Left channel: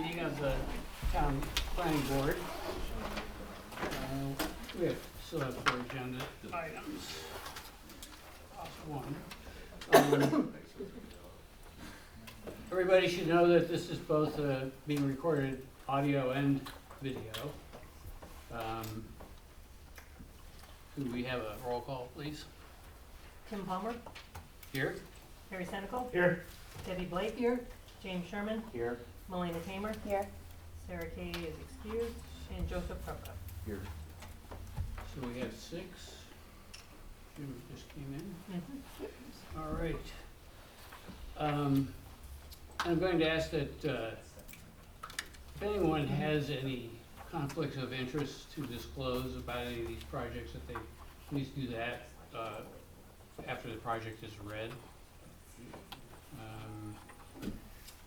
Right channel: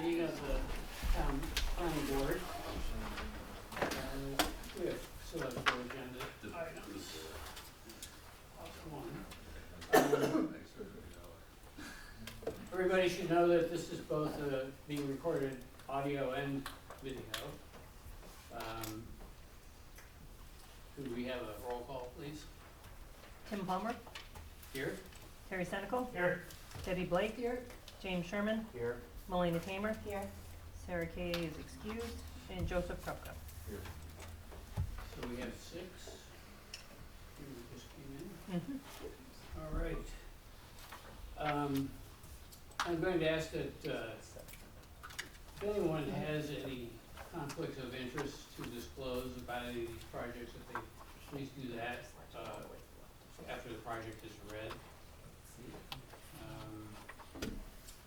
meeting of the town planning board. We have select board agenda items. One. Everybody should know that this is both being recorded audio and video. Could we have a roll call, please? Tim Palmer, Here. Harry Senecal, Here. Debbie Blake, here. James Sherman, Here. Melina Tamer, Here. Sarah Kay is excused, and Joseph Proka. Here. So we have 6. You just came in. All right. I'm going to ask that if anyone has any conflicts of interest to disclose about any of these projects, that they please do that after the project is read.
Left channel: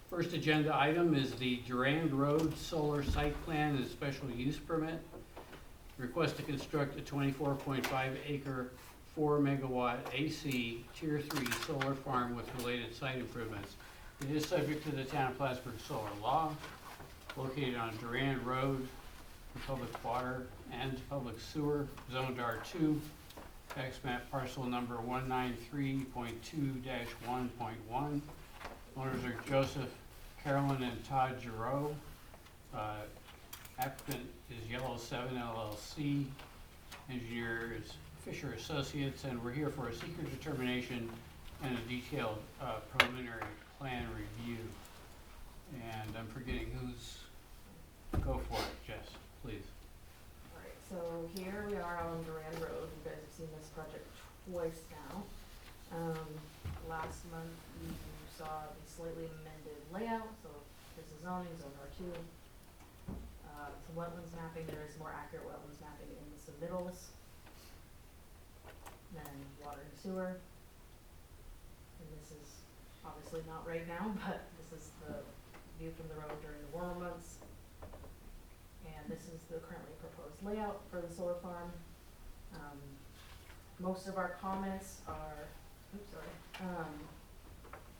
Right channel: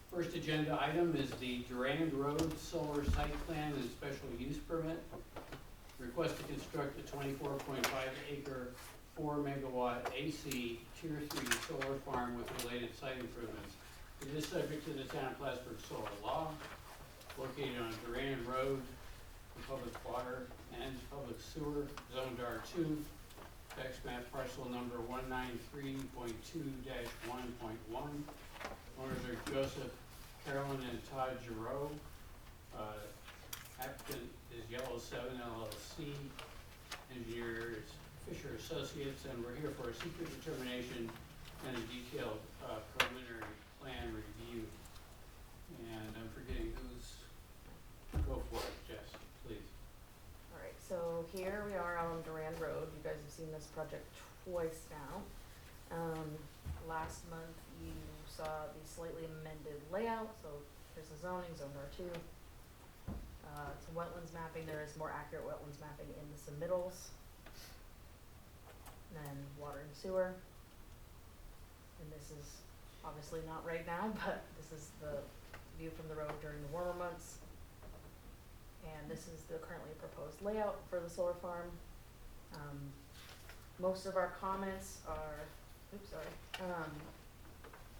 First agenda item is the Durand Road Solar Site Plan and Special Use Permit. Request to construct a 24.5 acre 4 megawatt AC Tier 3 solar farm with related site improvements. It is subject to the town of Plattsburgh solar law, located on Durand Road, public water and public sewer, zoned R2, tax map parcel number 193.2-1.1. Owners are Joseph, Carolyn, and Todd Giroux. Applicant is Yellow 7 LLC. Engineer is Fisher Associates, and we're here for a secret determination and a detailed preliminary plan review. And I'm forgetting who's, go for it, Jess, please. Alright, so here we are on Durand Road. You guys have seen this project twice now. Last month you saw the slightly amended layout, so here's the zoning, zone R2. Some wetlands mapping, there is more accurate wetlands mapping in the submittals. And then water and sewer. And this is obviously not right now, but this is the view from the road during the warmer months. And this is the currently proposed layout for the solar farm. Most of our comments are,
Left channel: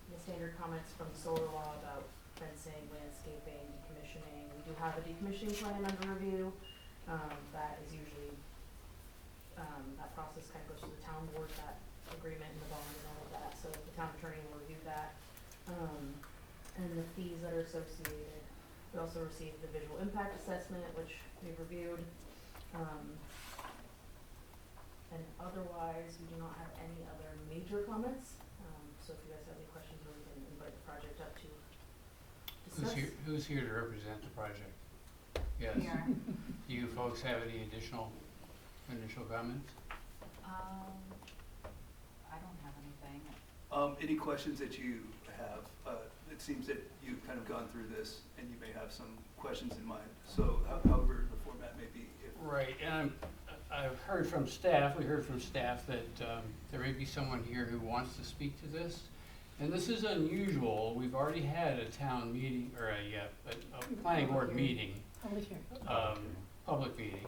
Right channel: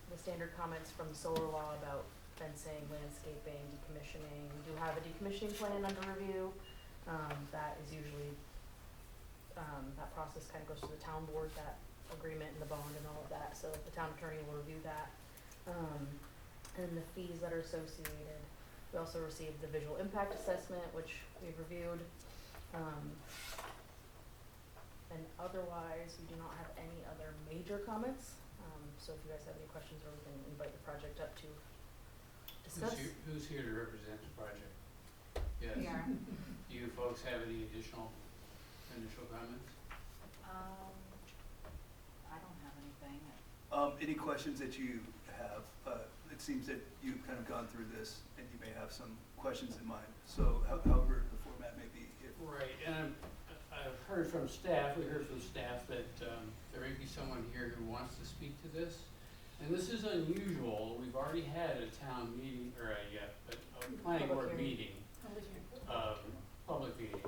the standard comments from the solar law about fencing, landscaping, decommissioning. We do have a decommissioning plan under review. That is usually, that process kind of goes to the town board, that agreement and the bond and all of that. So the town attorney will review that. And the fees that are associated. We also received the visual impact assessment, which we've reviewed. And otherwise, we do not have any other major comments. So if you guys have any questions, or we can invite the project up to discuss. Who's here to represent the project? Yes. We are. Do you folks have any initial comments? I don't have anything. Any questions that you have? It seems that you've kind of gone through this and you may have some questions in mind. So however the format may be. Right, and I've heard from staff, we heard from staff that there may be someone here who wants to speak to this. And this is unusual. We've already had a town meeting, or a planning board meeting. Public meeting.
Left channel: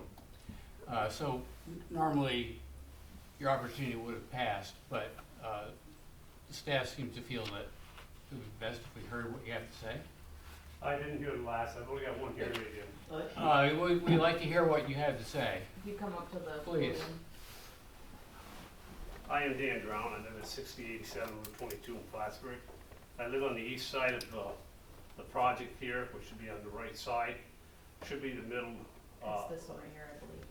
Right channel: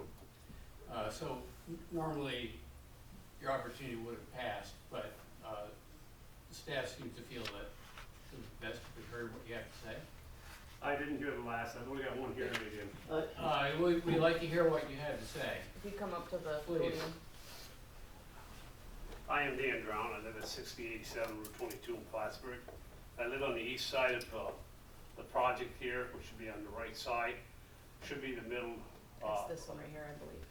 So normally your opportunity would have passed, but the staff seems to feel that it would be best if we heard what you have to say. I didn't hear the last, I've only got one here again. We'd like to hear what you had to say. If you come up to the Please. podium. I am Dan Drown, I live at 6087 Route 22 in Plattsburgh. I live on the east side of the project here, which should be on the right side. Should be the middle. It's this one right here, I believe.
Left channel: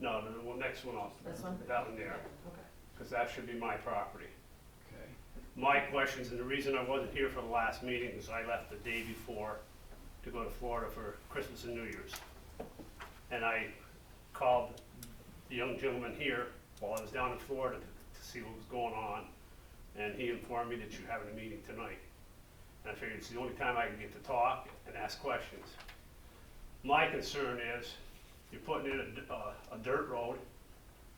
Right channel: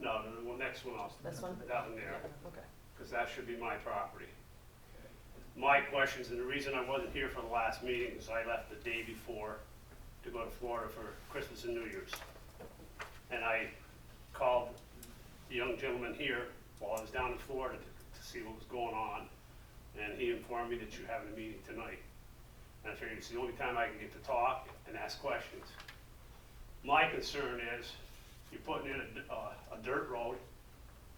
No, the next one off. This one? That one there, Okay. because that should be my property. Okay. My questions, and the reason I wasn't here for the last meeting is I left the day before to go to Florida for Christmas and New Year's. And I called the young gentleman here while I was down in Florida to see what was going on. And he informed me that you're having a meeting tonight. And I figured it's the only time I can get to talk and ask questions. My concern is you're putting in a dirt road.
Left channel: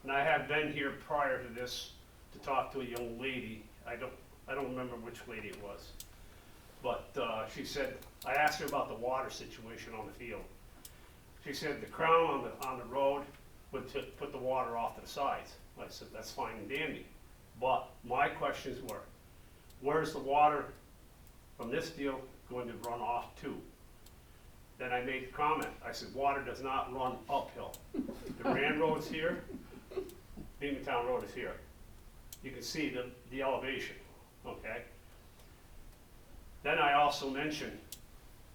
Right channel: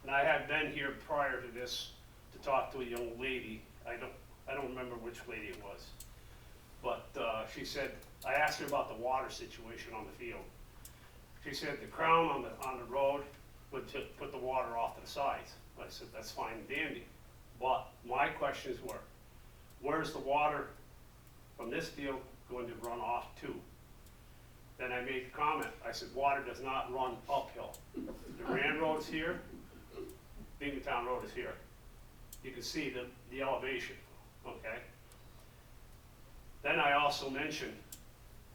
And I have been here prior to this to talk to a young lady. I don't remember which lady it was. But she said, I asked her about the water situation on the field. She said the crown on the road would put the water off to the sides. I said, that's fine and dandy. But my questions were, where's the water from this field going to run off to? Then I made the comment, I said, water does not run uphill. Durand Road's here, Beamantown Road is here. You can see the elevation, okay? Then I also mentioned,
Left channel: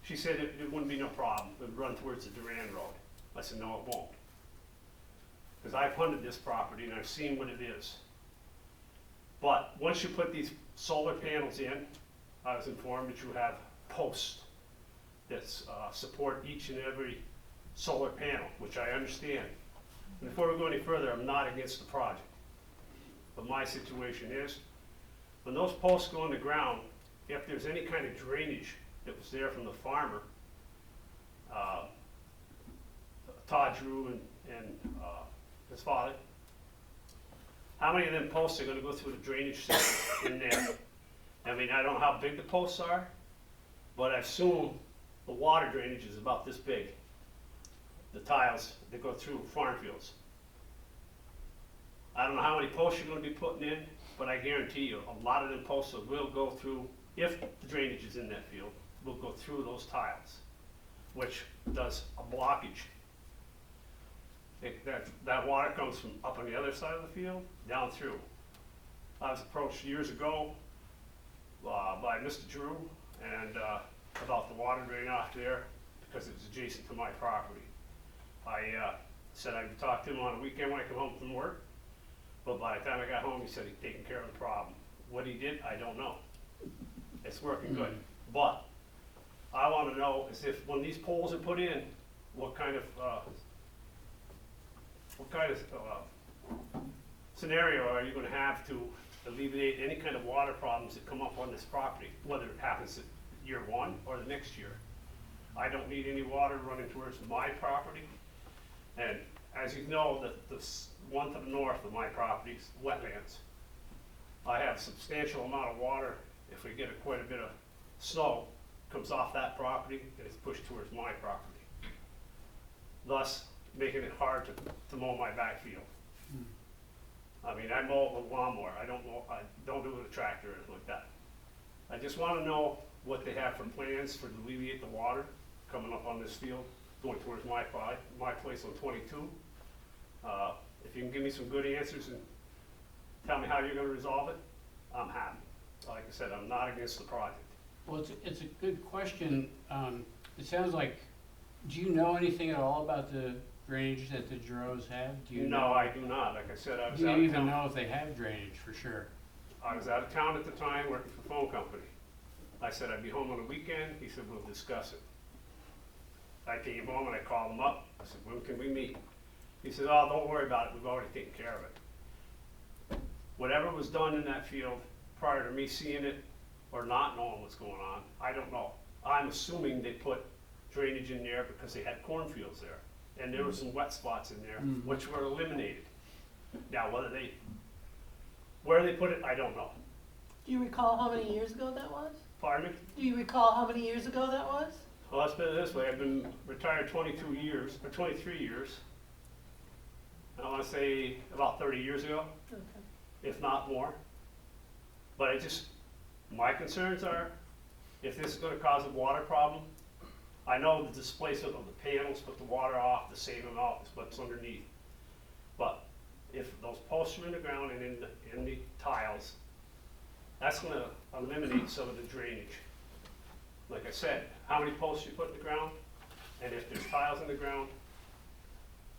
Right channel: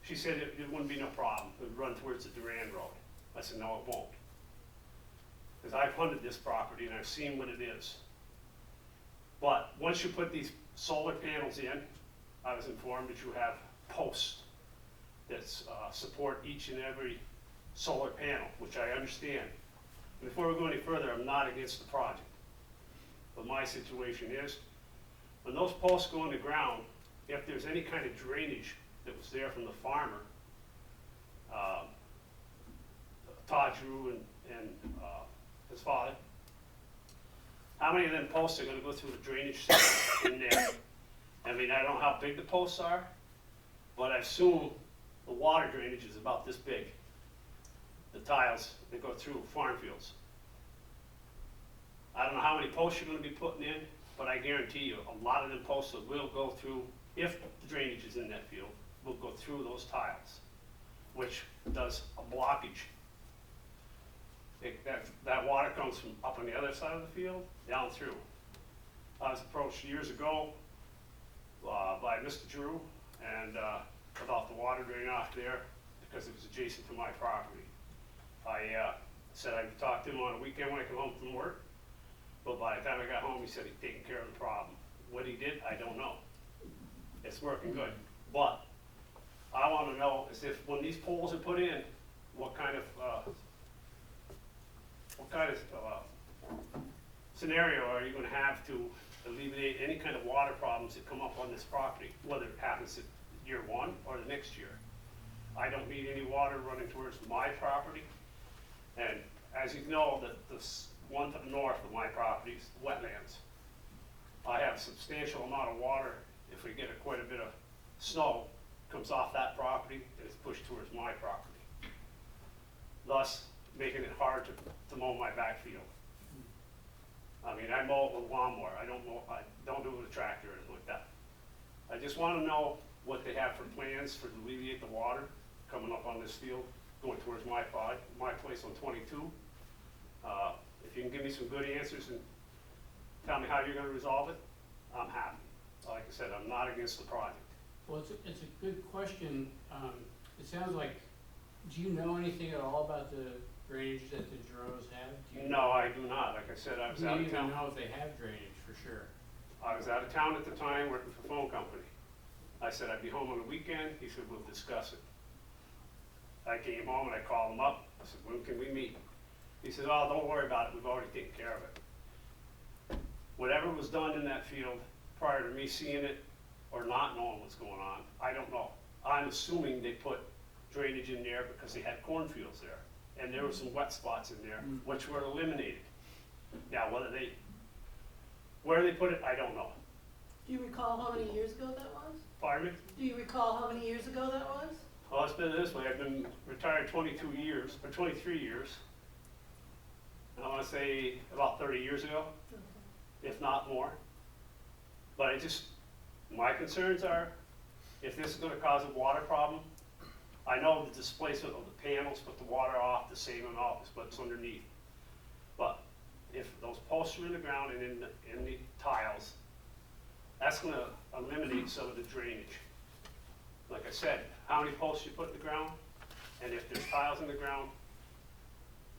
she said it wouldn't be no problem, it would run towards the Durand Road. I said, no, it won't. Because I've hunted this property and I've seen what it is. But once you put these solar panels in, I was informed that you have posts that support each and every solar panel, which I understand. And before we go any further, I'm not against the project. But my situation is, when those posts go in the ground, if there's any kind of drainage that was there from the farmer, Todd Drew and his father, how many of them posts are gonna go through the drainage system in there? I mean, I don't know how big the posts are, but I assume the water drainage is about this big. The tiles that go through farm fields. I don't know how many posts you're gonna be putting in, but I guarantee you, a lot of them posts will go through, if the drainage is in that field, will go through those tiles, which does a blockage. That water comes from up on the other side of the field, down through. I was approached years ago by Mr. Drew and about the water draining off there because it was adjacent to my property. I said I'd talk to him on a weekend when I come home from work, but by the time I got home, he said he'd taken care of the problem. What he did, I don't know. It's working good, but I want to know is if when these poles are put in, what kind of scenario are you going to have to alleviate any kind of water problems that come up on this property, whether it happens at year one or the next year? I don't need any water running towards my property, and as you know, the one to the north of my property is wetlands. I have a substantial amount of water. If we get quite a bit of snow, comes off that property and it's pushed towards my property, thus making it hard to mow my backfield. I mean, I mow it with a lawnmower. I don't do it with a tractor or anything like that. I just want to know what they have for plans for to alleviate the water coming up on this field, going towards my place on 22. If you can give me some good answers and tell me how you're going to resolve it, I'm happy. Like I said, I'm not against the project. Well, it's a good question. It sounds like, do you know anything at all about the drainage that the Giroux have? Do you No, I do not. Like I said, I was Do out you of even town. know if they have drainage for sure? I was out of town at the time working for a phone company. I said I'd be home on the weekend. He said, we'll discuss it. I came home and I called him up. I said, when can we meet? He said, oh, don't worry about it. We've already taken care of it. Whatever was done in that field prior to me seeing it or not knowing what's going on, I don't know. I'm assuming they put drainage in there because they had cornfields there. And there were some wet spots in there, which were eliminated. Now, where they put it, I don't know. Do you recall how many years ago that was? Pardon me? Do you recall how many years ago that was? Well, let's put it this way, I've been retired 22 years, or 23 years. I wanna say about 30 years ago, if not more. But my concerns are, if this is gonna cause a water problem, I know the displacement of the panels put the water off the same amount as what's underneath. But if those posts are in the ground and in the tiles, that's gonna eliminate some of the drainage. Like I said, how many posts you put in the ground, and if there's tiles in the ground,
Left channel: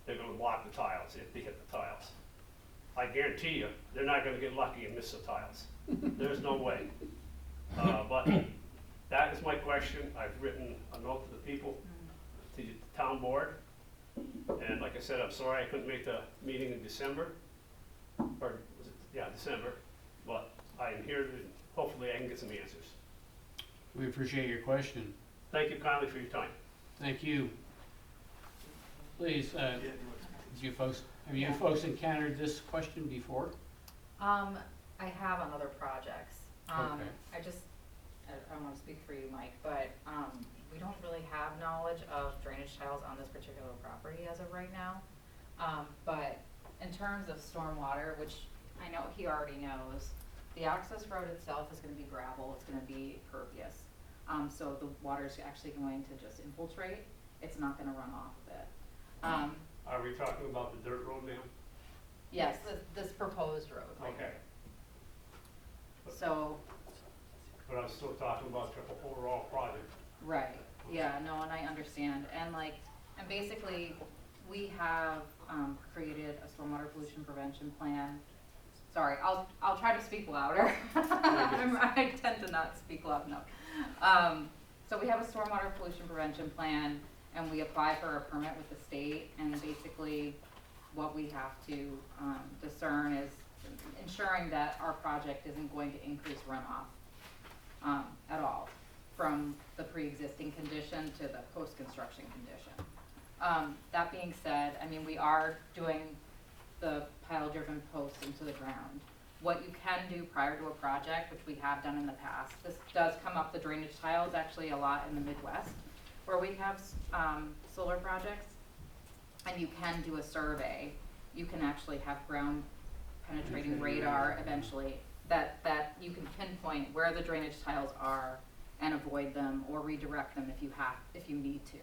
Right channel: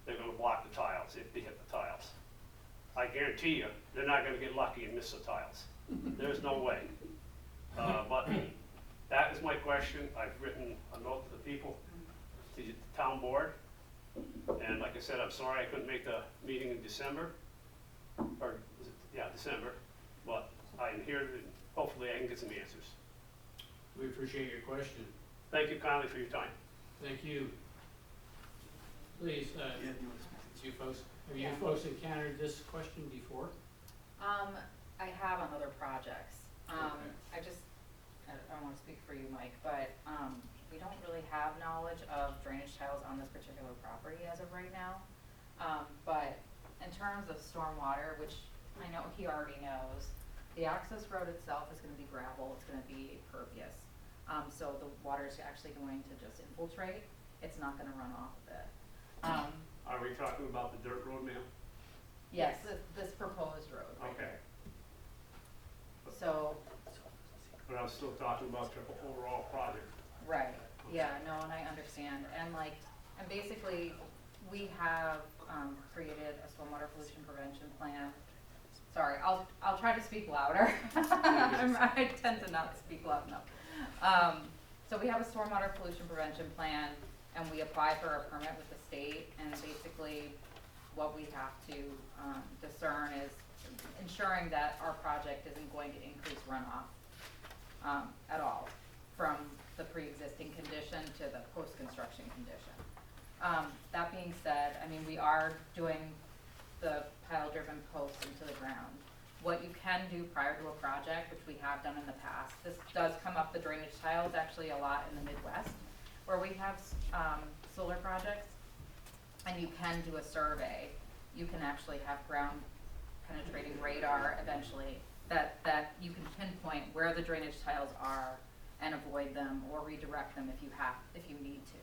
they're gonna block the tiles if they hit the tiles. I guarantee you, they're not gonna get lucky and miss the tiles. There's no way. But that is my question. I've written a note to the people, to the town board. And like I said, I'm sorry I couldn't make the meeting in December, or was it, yeah, December. But I'm here and hopefully I can get some answers. We appreciate your question. Thank you kindly for your time. Thank you. Please, Yeah, you want to speak to have you folks encountered this question before? I have on other projects. Okay. I don't wanna speak for you, Mike, but, we don't really have knowledge of drainage tiles on this particular property as of right now. But in terms of stormwater, which I know he already knows, the access road itself is gonna be gravel, it's gonna be pervious. So the water is actually going to just infiltrate. It's not gonna run off of it. Are we talking about the dirt road, ma'am? Yes, this proposed road right Okay, here. So, but I'm still talking about your overall project. right, yeah, no, and I understand, and like, and basically, we have, created a stormwater pollution prevention plan. Sorry, I'll try to speak louder. I tend to not speak loud enough. So we have a stormwater pollution prevention plan, and we apply for a permit with the state, and basically, what we have to, discern is ensuring that our project isn't going to increase runoff, at all, from the pre-existing condition to the post-construction condition. That being said, I mean, we are doing the pile-driven posts into the ground. What you can do prior to a project, which we have done in the past, this does come up, the drainage tiles actually a lot in the Midwest, where we have, solar projects, and you can do a survey. You can actually have ground penetrating radar eventually, that you can pinpoint where the drainage tiles are and avoid them or redirect them if you need to,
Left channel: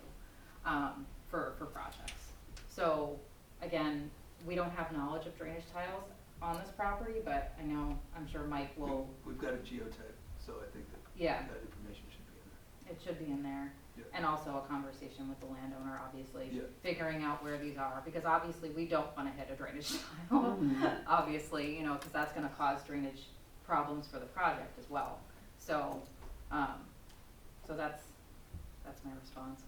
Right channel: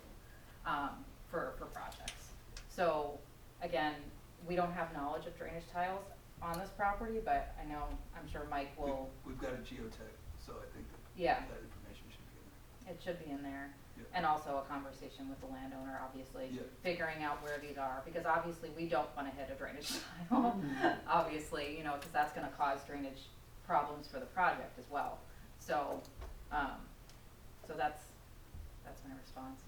for projects. So, again, we don't have knowledge of drainage tiles on this property, but I know, I'm sure Mike will, We've got a geotech, so I think that yeah, that information should be in there. it should be in there. Yeah. And also a conversation with the landowner, obviously, Yeah. figuring out where these are, because obviously we don't wanna hit a drainage tile. Obviously, you know, cause that's gonna cause drainage problems for the project as well. So, so that's my response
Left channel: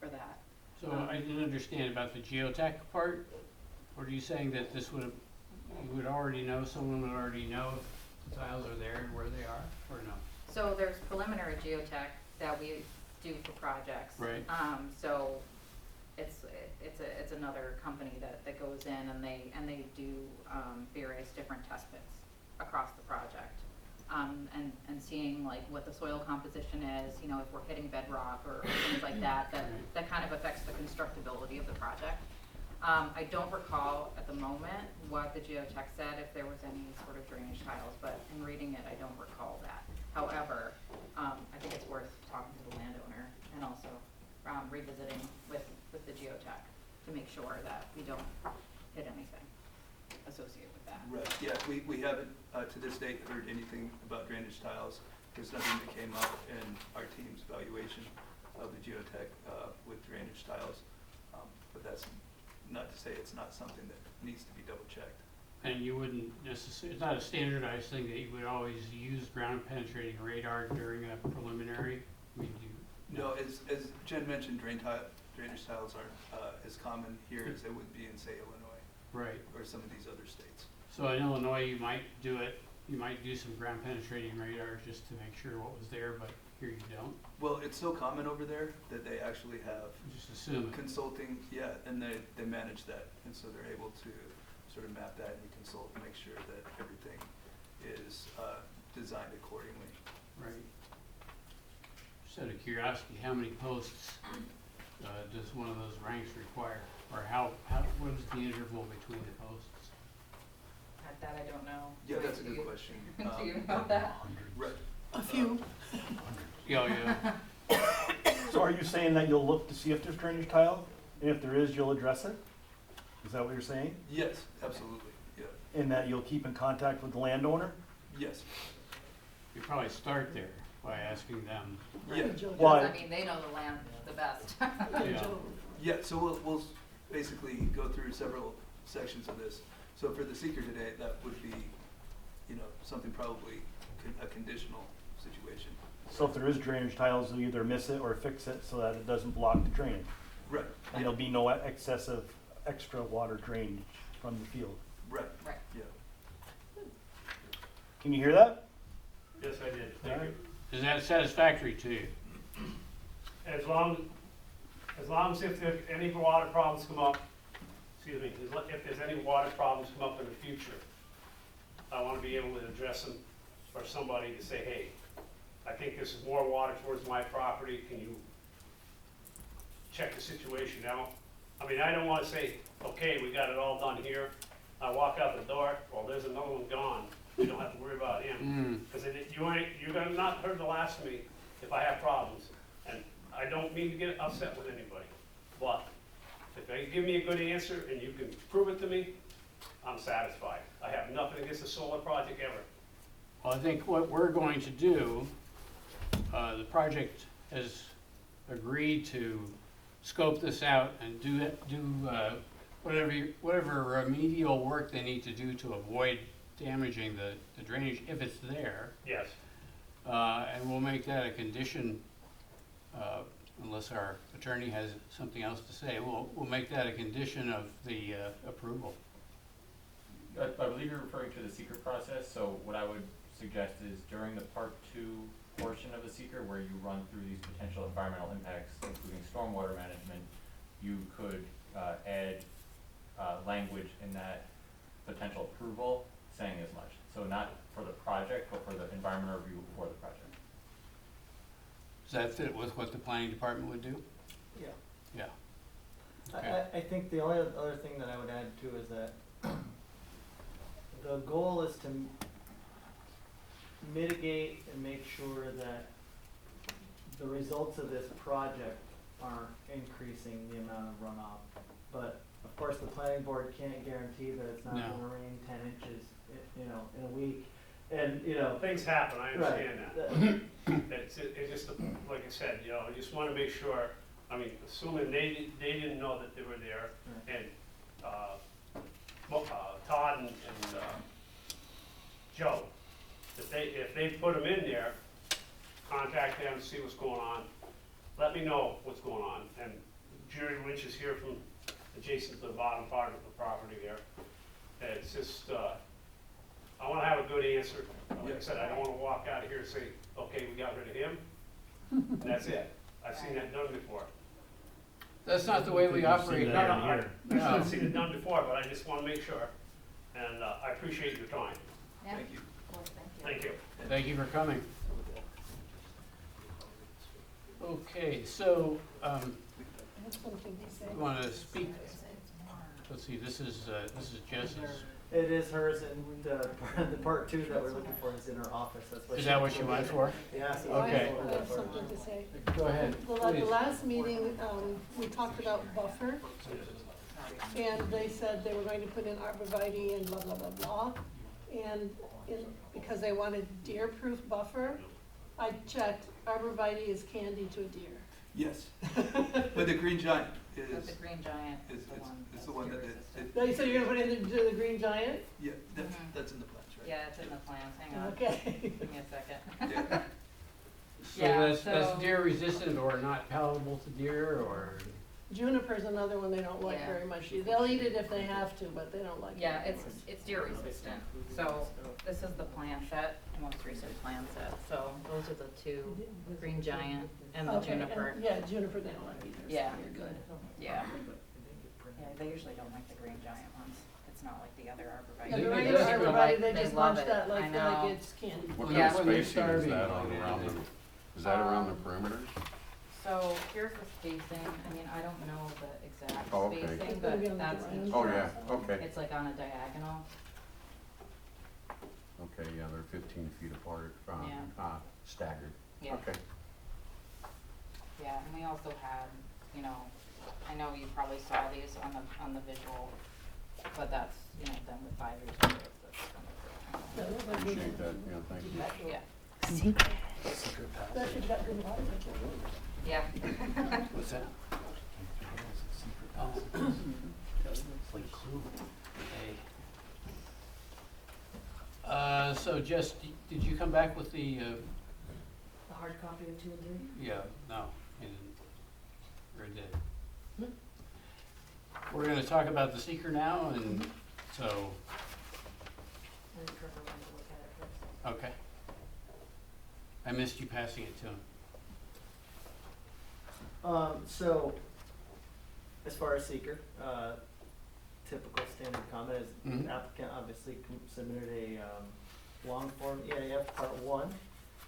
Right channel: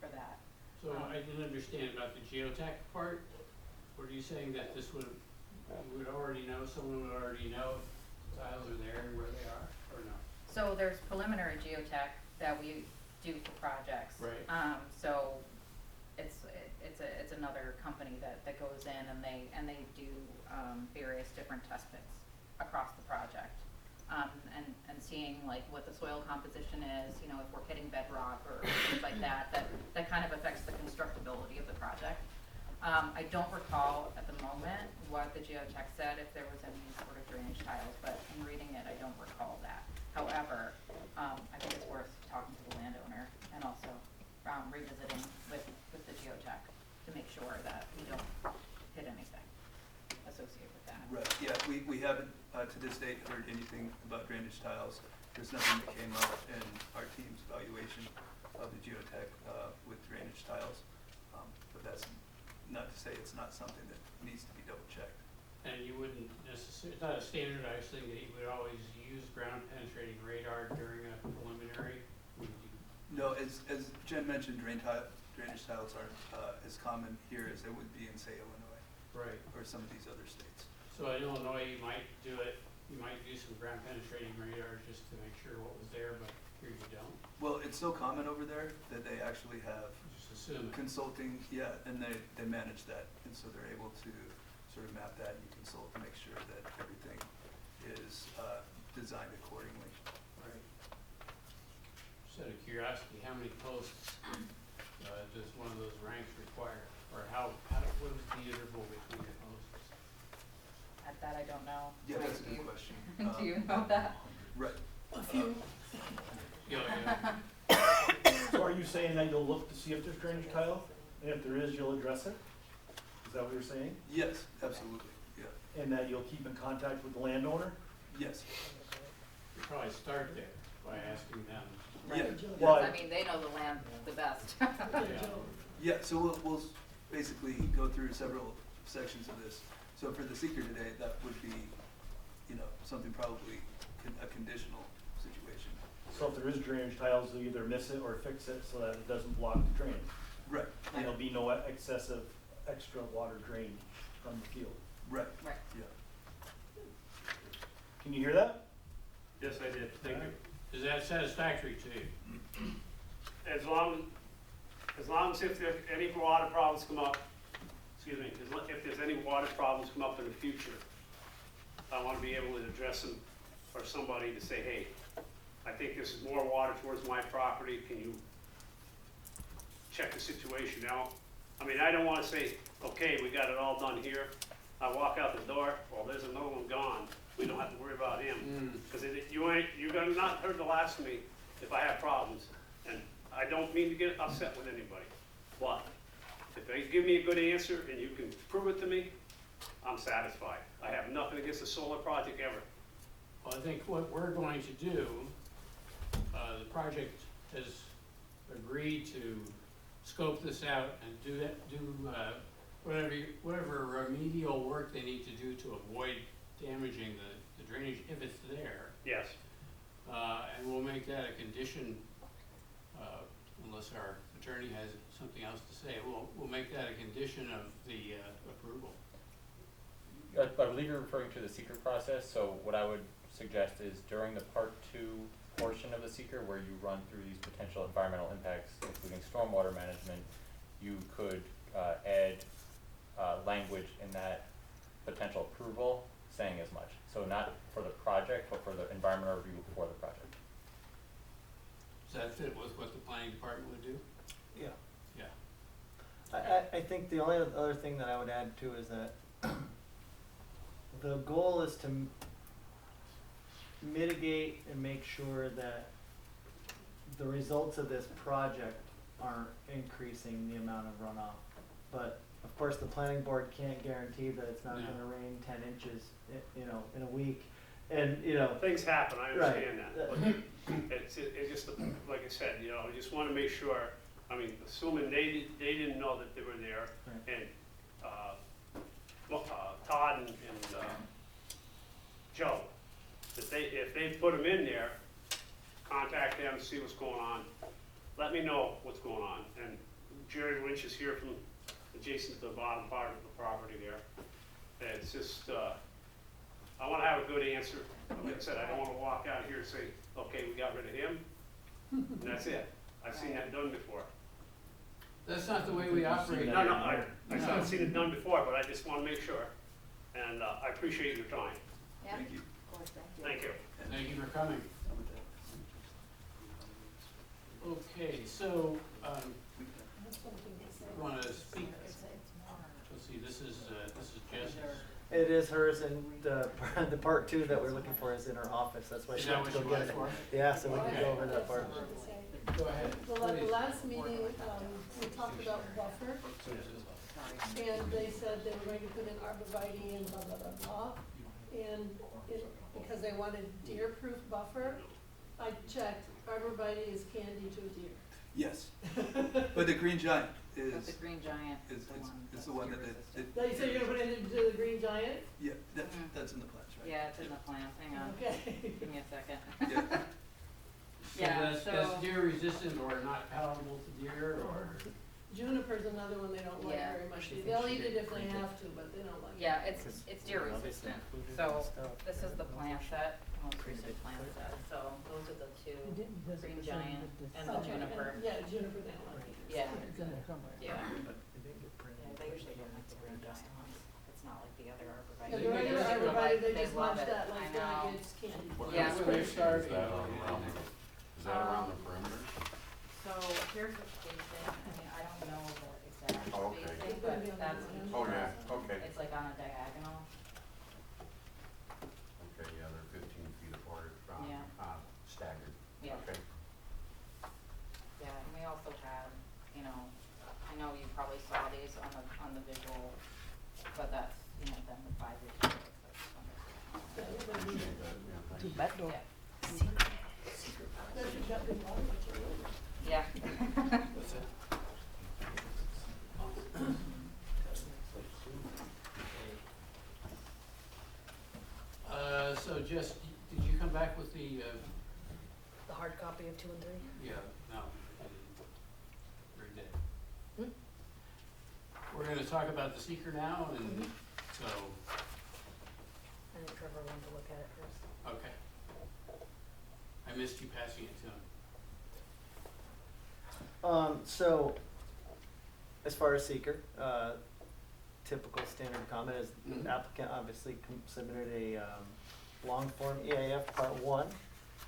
for that. So I didn't understand about the geotech part. Were you saying that this would, you would already know, someone would already know if the tiles are there and where they are, or no? So there's preliminary geotech that we do for projects. Right. So it's another company that goes in and they do, various different test pits across the project. And seeing like what the soil composition is, you know, if we're hitting bedrock or things like that kind of affects the constructability of the project. I don't recall at the moment what the geotech said, if there was any sort of drainage tiles, but in reading it, I don't recall that. However, I think it's worth talking to the landowner and also, revisiting with the geotech to make sure that we don't hit anything associated with that. Right, yeah, we haven't, to this date, heard anything about drainage tiles. There's nothing that came out in our team's evaluation of the geotech, with drainage tiles. But that's not to say it's not something that needs to be double checked. And you wouldn't necessarily, it's not a standardized thing that you would always use ground penetrating radar during a preliminary? I mean, No, as Jen mentioned, drainage tiles aren't, as common here as they would be in, say, Illinois, right. or some of these other states. So in Illinois, you might do it, you might do some ground penetrating radar just to make sure what was there, but here you don't. Well, it's so common over there that they actually have Just assume it. consulting, yeah, and they manage that, and so they're able to sort of map that and consult and make sure that everything is designed accordingly. Right. Just out of curiosity, how many posts does one of those ranks require? Or what is the interval between the posts? That I don't know. Yeah, Mike, that's a do good you- question. Do you know that? Right. A few. Yeah. So are you saying that you'll look to see if there's drainage tile? And if there is, you'll address it? Is that what you're saying? Yes, absolutely, yeah, And that you'll keep in contact with the landowner? yes. You probably start there by asking them. Yeah, Well, Because, I mean, they know the land the best. Yeah. yeah, so we'll basically go through several sections of this. So for the seeker today, that would be, you know, something probably a conditional situation. So if there is drainage tiles, they'll either miss it or fix it so that it doesn't block the drainage. Right, And there'll be no excessive extra water drainage from the field. right, Right. yeah. Can you hear that? Yes, I did, thank you. Is that satisfactory to you? As long as if there any water problems come up, excuse me, if there's any water problems come up in the future, I wanna be able to address them, or somebody to say, hey, I think there's more water towards my property, can you check the situation out? I mean, I don't wanna say, okay, we got it all done here, I walk out the door, well, there's another one gone, we don't have to worry about him. Cause you got not heard the last of me, if I have problems, and I don't mean to get upset with anybody, but if they give me a good answer and you can prove it to me, I'm satisfied. I have nothing against the solar project ever. Well, I think what we're going to do, the project has agreed to scope this out and do whatever remedial work they need to do to avoid damaging the drainage if it's there. Yes. And we'll make that a condition, unless our attorney has something else to say, we'll make that a condition of the approval. I believe you're referring to the seeker process, so what I would suggest is during the part 2 portion of the seeker where you run through these potential environmental impacts, including stormwater management, you could add language in that potential approval saying as much. So not for the project, but for the environmental review for the project. Does that fit with what the planning department would do? Yeah. Yeah. I think the only other thing that I would add too is that the goal is to mitigate and make sure that the results of this project aren't increasing the amount of runoff. But of course, the planning board can't guarantee that it's not No. gonna rain 10 inches, in a week. And, you know, Things happen, I right. understand that. It's just, like I said, I just wanna make sure, I mean, assuming they didn't know that they were there, Right. and, Todd and Joe, if they put them in there, contact them, see what's going on, let me know what's going on. And Jerry Lynch is here from adjacent to the bottom part of the property there. And it's just, I wanna have a good answer. Like I said, I don't wanna walk out of here and say, okay, we got rid of him, and that's it. I've seen that done before. That's not the way we operate No, no, here. I've seen it done before, but I just wanna make sure. And, I appreciate your time. Yeah, Thank you. of course, thank you. Thank you. Thank you for coming. Okay, so, you want to speak? Let's see, this is Jess's. it is hers, and the part 2 that we're looking for is in her office. That's why Is she that had what to you go went get it. for? Yeah, so we'll Okay. go over that part. Something to say. Go ahead. Well, at the please. last meeting, we talked about buffer, and they said they were going to put in arborvitae and blah, blah, blah, blah. And because they wanted deer-proof buffer, I checked, arborvitae is candy to a deer. Yes, but the green giant But is, the green giant is, is the one. is the one that, They said you're gonna put it into the green giant? yeah, that's, Mhm. that's in the plans, right? Yeah, it's in the plans, hang on, Okay. give me a second. Yeah. So Yeah, that's so- deer resistant or not palatable to deer, or? Juniper's another one they don't like Yeah. very much. They'll eat it if they have to, but they don't like it. Yeah, it's deer resistant, so this is the plan set, most recent plan set, so those are the two, green giant and the Okay, juniper. yeah, juniper they don't like either. Yeah. Good. Yeah, yeah, they usually don't like the green giant ones, it's not like the other Yeah, arborvitae. the regular They arborvitae, they they just love munch it. that I like know. it's candy. What Yeah. kind of They're spacing is that starving. around the, is that around the perimeter? So here's the spacing, I mean, I don't know the exact Oh, okay. spacing, It's gonna be on but the that's drawing. each Oh, row. yeah, okay, It's like on a diagonal, okay, yeah, they're 15 feet apart, Yeah. staggered, yeah. okay. Yeah, and we also have, I know you probably saw these on the visual, but that's, done with 5 years ago. That looks like we- Appreciate that, yeah, thank you. But, yeah, That should got good water control. yeah. What's that? So Jess, did you come back with the, The hard copy of 2 and 3? yeah, no, I didn't. Or did? Hmm? We're gonna talk about the seeker now, and so, And Trevor wanted to look at it first. okay. I missed you passing it to him. So, as far as seeker, typical standard comment is Mhm. the applicant obviously submitted a long form EAF part 1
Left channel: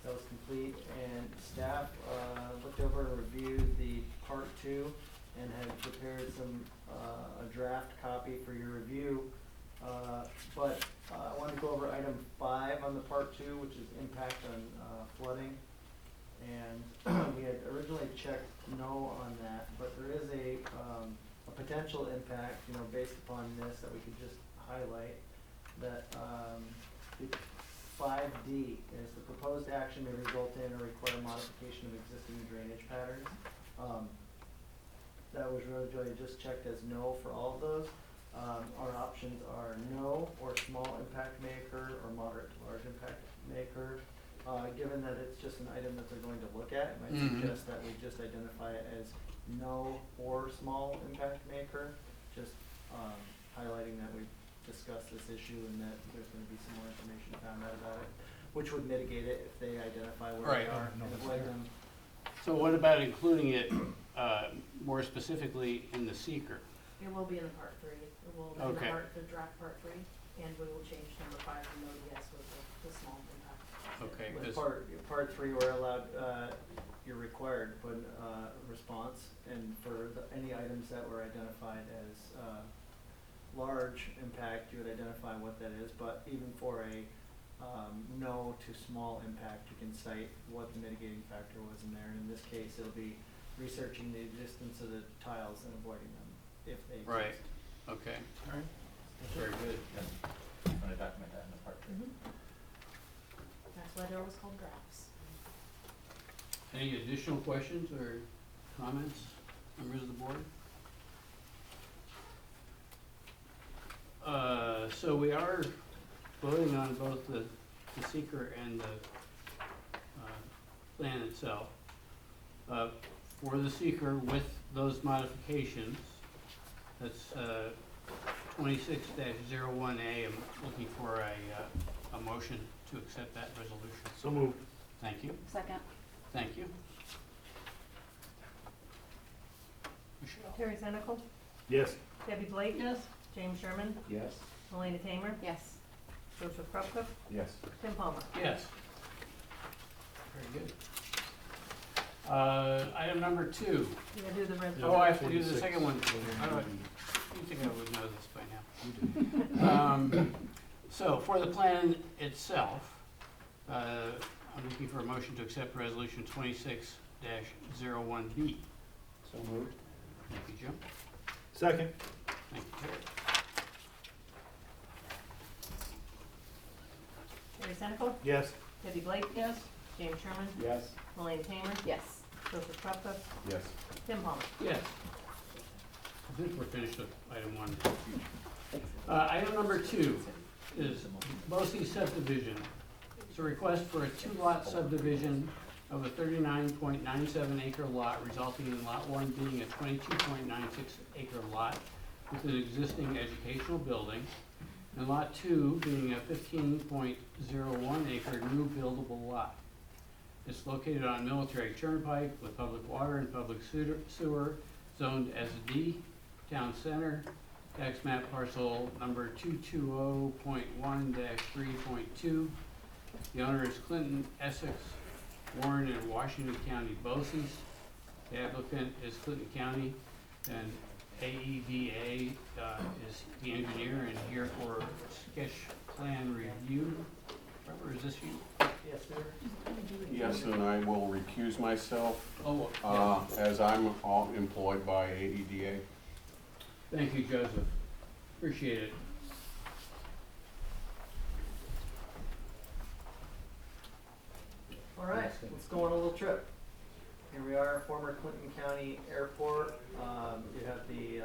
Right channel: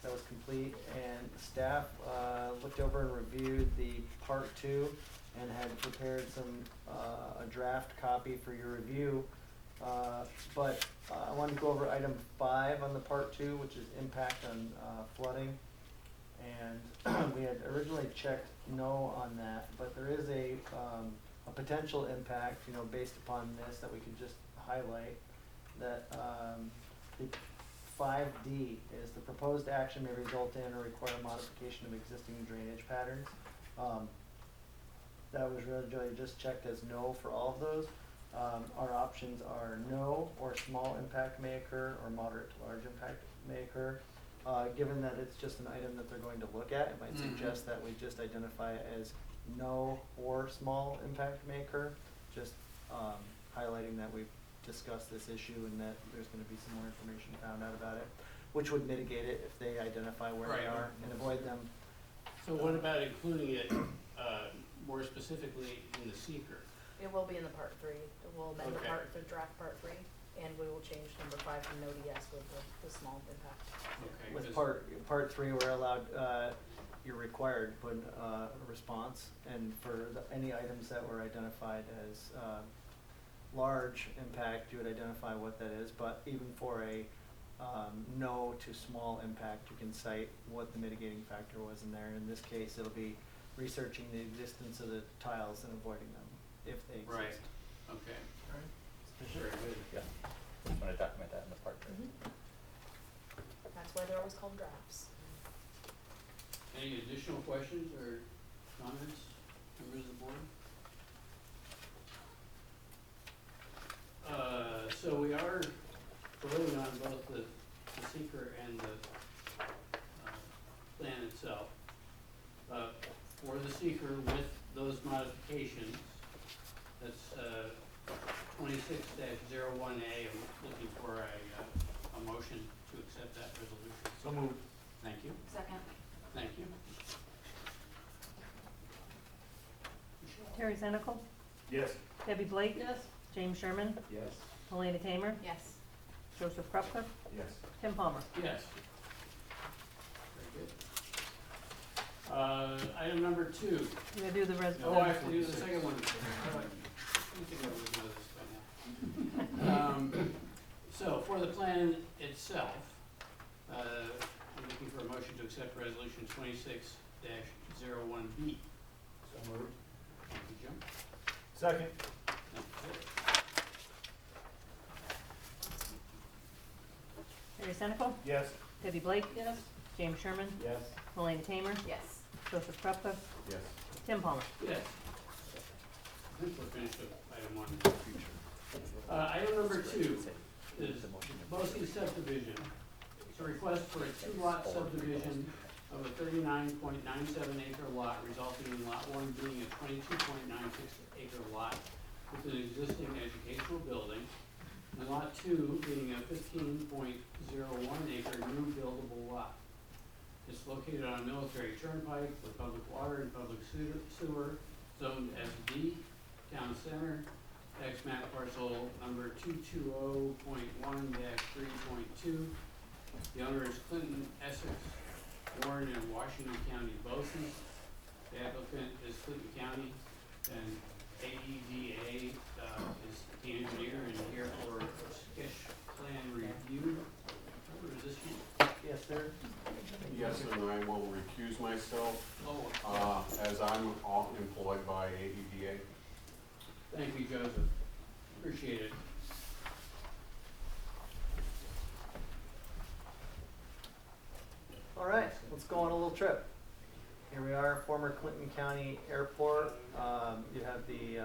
that was complete, and staff looked over and reviewed the part 2 and had prepared a draft copy for your review. But I wanted to go over item 5 on the part 2, which is impact on flooding. And we had originally checked no on that, but there is a potential impact, you know, based upon this that we could just highlight, that, the 5D is the proposed action may result in or require modification of existing drainage patterns. That was really just checked as no for all of those. Our options are no, or small impact may occur, or moderate to large impact may occur. Given that it's just an item that they're going to look at, it might suggest that we just identify it as no or small impact may occur. Just highlighting that we've discussed this issue and that there's gonna be some more information found out about it, which would mitigate it if they identify where they Right. are and avoid them. So what about including it, more specifically in the seeker? It will be in the part 3. It will amend Okay. the draft part 3, and we will change number 5 from no to yes with the small impact. Okay, With 'cause- part 3, we're allowed, you're required to put a response, and for any items that were identified as, large impact, you would identify what that is, but even for a, no to small impact, you can cite what the mitigating factor was in there. In this case, it'll be researching the existence of the tiles and avoiding them if they exist. Right. Okay, very good. Yeah, just wanna document that in the part. That's why they're always called drafts. Any additional questions or comments, members of the board? So we are voting on both the seeker and the plan itself. For the seeker with those modifications, that's 26-01A, I'm looking for a motion to accept that resolution. So moved. Thank you, Second. thank you. Michelle? Terry Senecal, Yes. Debbie Blake. Yes, James Sherman, Yes. Melina Tamer, Yes. Joseph Krupka, Yes. Tim Palmer. Yes. Very good. Item number 2. You gotta do the resolution. Oh, I have to do the second one. How do I, you think I would know this by now. So for the plan itself, I'm looking for a motion to accept resolution 26-01B. So moved. Thank you, Jim. Second. Thank you, Terry. Terry Senecal, Yes. Debbie Blake, yes, James Sherman, Yes. Melina Tamer, Yes. Joseph Krupka, Yes. Tim Palmer. Yes. I think we're finished with item 1. Item number 2 is Bosse's subdivision. It's a request for a 2-lot subdivision of a 39.97 acre lot, resulting in lot 1 being a 22.96 acre lot with an existing educational building, and lot 2 being a 15.01 acre new buildable lot. It's located on Military Turnpike with public water and public sewer, zoned SD, town center, tax map parcel number 220.1-3.2. The owner is Clinton, Essex, Warren, and Washington County Bosses. The applicant is Clinton County, and AEDA is the engineer and here for sketch plan review. Or is this you? Yes, sir. Yes, and I will recuse myself, Oh, as I'm all employed by AEDA. thank you, Joseph. Appreciate it. All right, let's go on a little trip. Here we are, former Clinton County Airport. You have the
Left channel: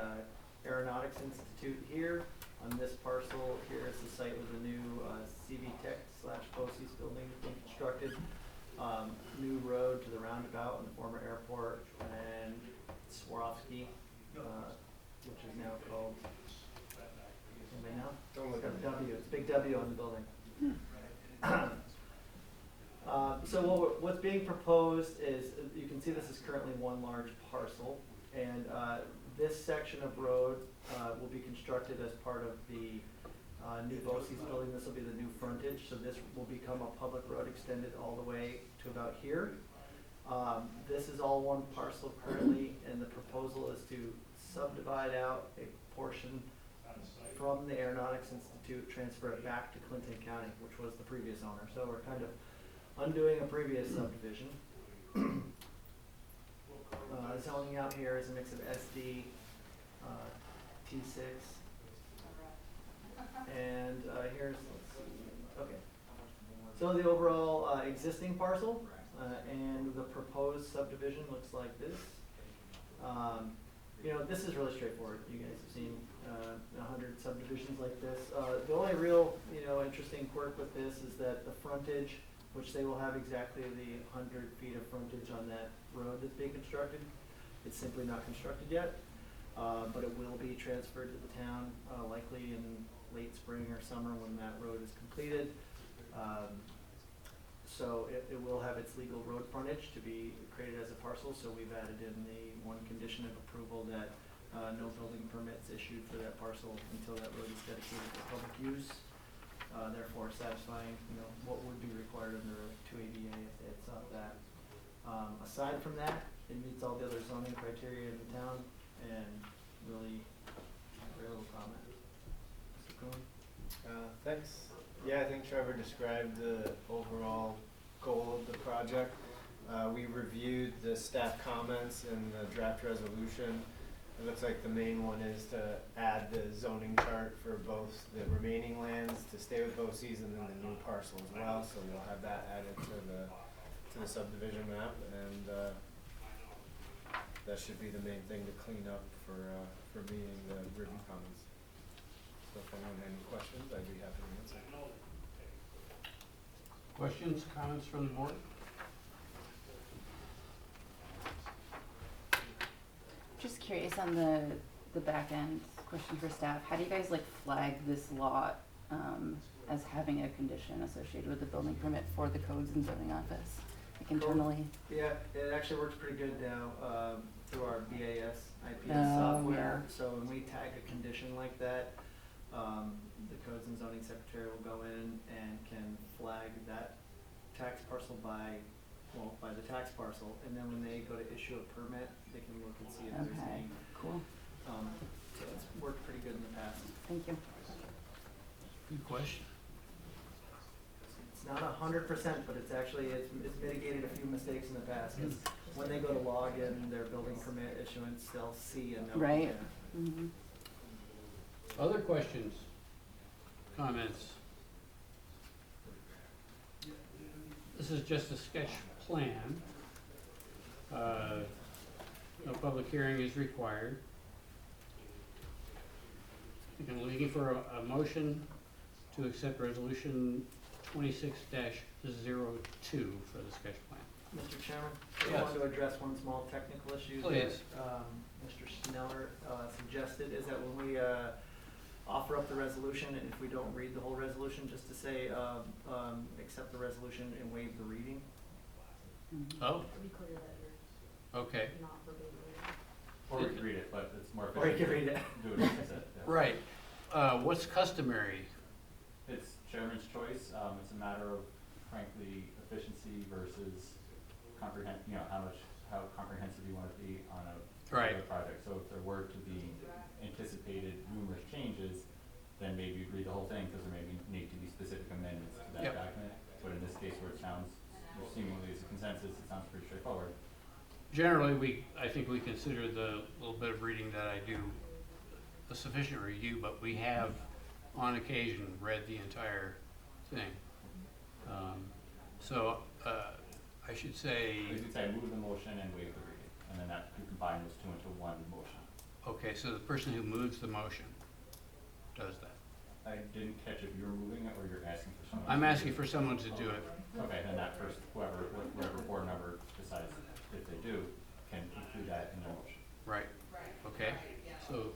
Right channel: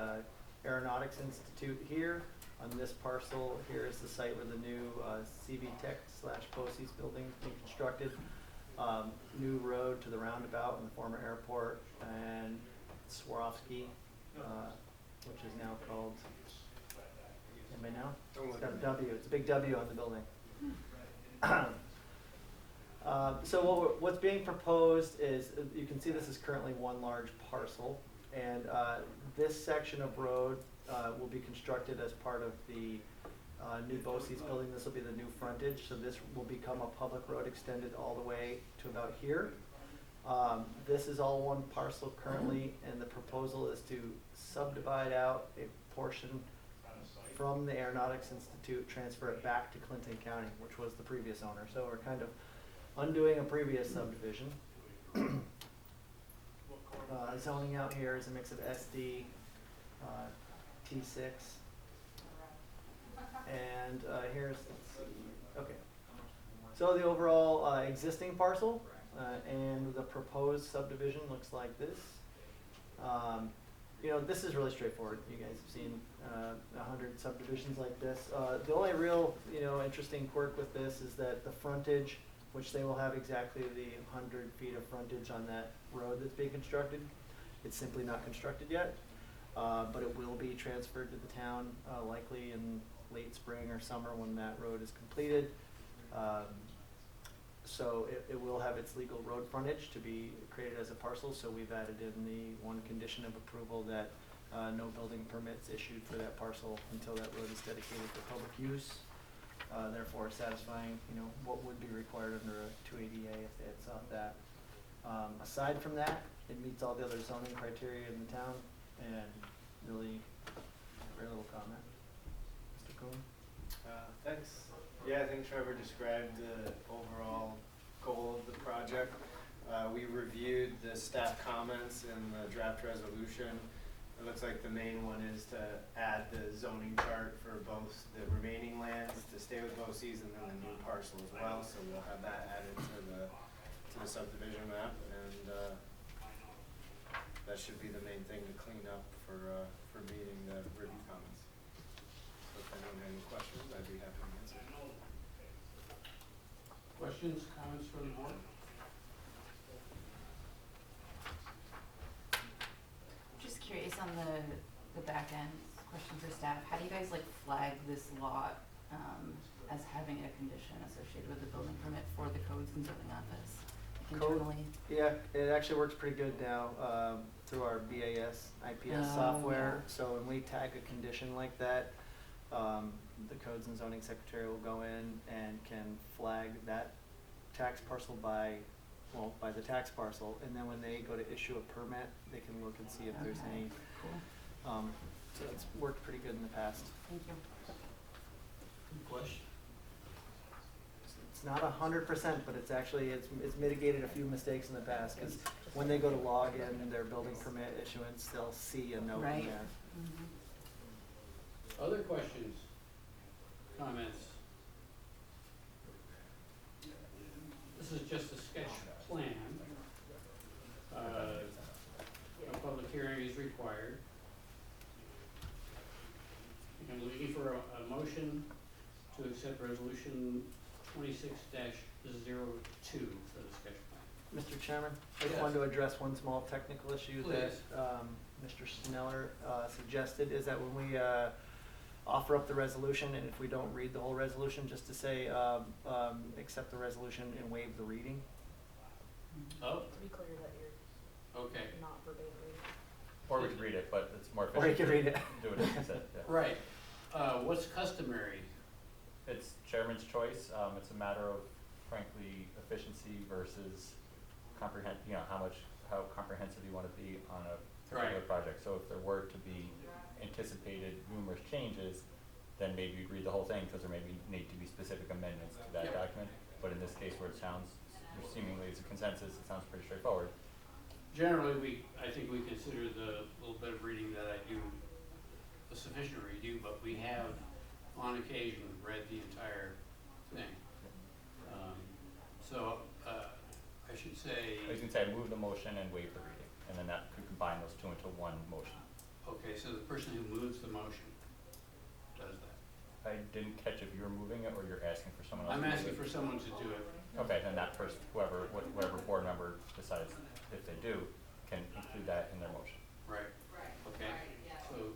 Aeronautics Institute here. On this parcel, here is the site where the new CV Tech / BOCES building is being constructed. New road to the roundabout in the former airport, and Swarovski, which is now called, anybody know? It's got a W, it's a big W on the building. So what's being proposed is, you can see this is currently one large parcel, and this section of road will be constructed as part of the new BOCES building. This will be the new frontage, so this will become a public road extended all the way to about here. This is all one parcel currently, and the proposal is to subdivide out a portion from the Aeronautics Institute, transfer it back to Clinton County, which was the previous owner. So we're kind of undoing a previous subdivision. Zoning out here is a mix of SD, T6, and here's, let's see, okay. So the overall existing parcel and the proposed subdivision looks like this. You know, this is really straightforward. You guys have seen 100 subdivisions like this. The only real, you know, interesting quirk with this is that the frontage, which they will have exactly the 100 feet of frontage on that road that's being constructed. It's simply not constructed yet, but it will be transferred to the town likely in late spring or summer when that road is completed. So it will have its legal road frontage to be created as a parcel, so we've added in the one condition of approval that no building permits issued for that parcel until that road is dedicated for public use. Therefore satisfying, you know, what would be required under a 280A if they had sought that. Aside from that, it meets all the other zoning criteria in the town, and really very little comment. Mr. Kuhn? Thanks. Yeah, I think Trevor described the overall goal of the project. We reviewed the staff comments in the draft resolution. It looks like the main one is to add the zoning chart for both the remaining lands to stay with BOCES and then the new parcel as well. So we'll have that added to the subdivision map, and that should be the main thing to clean up for meeting the review comments. So if anyone has any questions, I'd be happy to answer. Questions, comments from the board? Just curious on the back end, question for staff, how do you guys like flag this lot as having a condition associated with the building permit for the codes and zoning office, like internally? Yeah, it actually works pretty good now through our BAS, IPS Oh, software. yeah. So when we tag a condition like that, the codes and zoning secretary will go in and can flag that tax parcel by the tax parcel, and then when they go to issue a permit, they can look and see if there's Okay, any. cool, So it's worked pretty good in the past. thank you. Good question. It's not 100%, but it's actually, it's mitigated a few mistakes in the past, because when they go to log in their building permit issuance, they'll see a note. Right. Yeah. Mm-hmm. Other questions, comments? This is just a sketch plan. No public hearing is required. I'm looking for a motion to accept resolution 26-02 for the sketch plan. Mr. Chairman, I Yes. just wanted to address one small technical issue that Please. Mr. Sneller suggested, is that when we offer up the resolution, and if we don't read the whole resolution, just to say accept the resolution and waive the reading. Oh, To be clear that you're okay, not verbatim reading. Or we could read it, but it's more Or you efficient can to read it. do it as you said, yeah. right. What's customary? It's chairman's choice. It's a matter of frankly efficiency versus you know, how comprehensive you want to be on a particular project. So if there were to be anticipated numerous changes, then maybe you'd read the whole thing, because there may need to be specific amendments to that Yep. document. But in this case, where it sounds, seemingly as a consensus, it sounds pretty straightforward. Generally, I think we consider the little bit of reading that I do a sufficient review, but we have on occasion read the entire thing. I should say, I was gonna say, move the motion and waive the reading, and then that could combine those two into one motion. okay, so the person who moves the motion does that. I didn't catch if you're moving it or you're asking for someone else. I'm to move asking it. for someone to do it. Okay, then that person, whatever board member decides, if they do, can include that in their motion. Right, okay, so,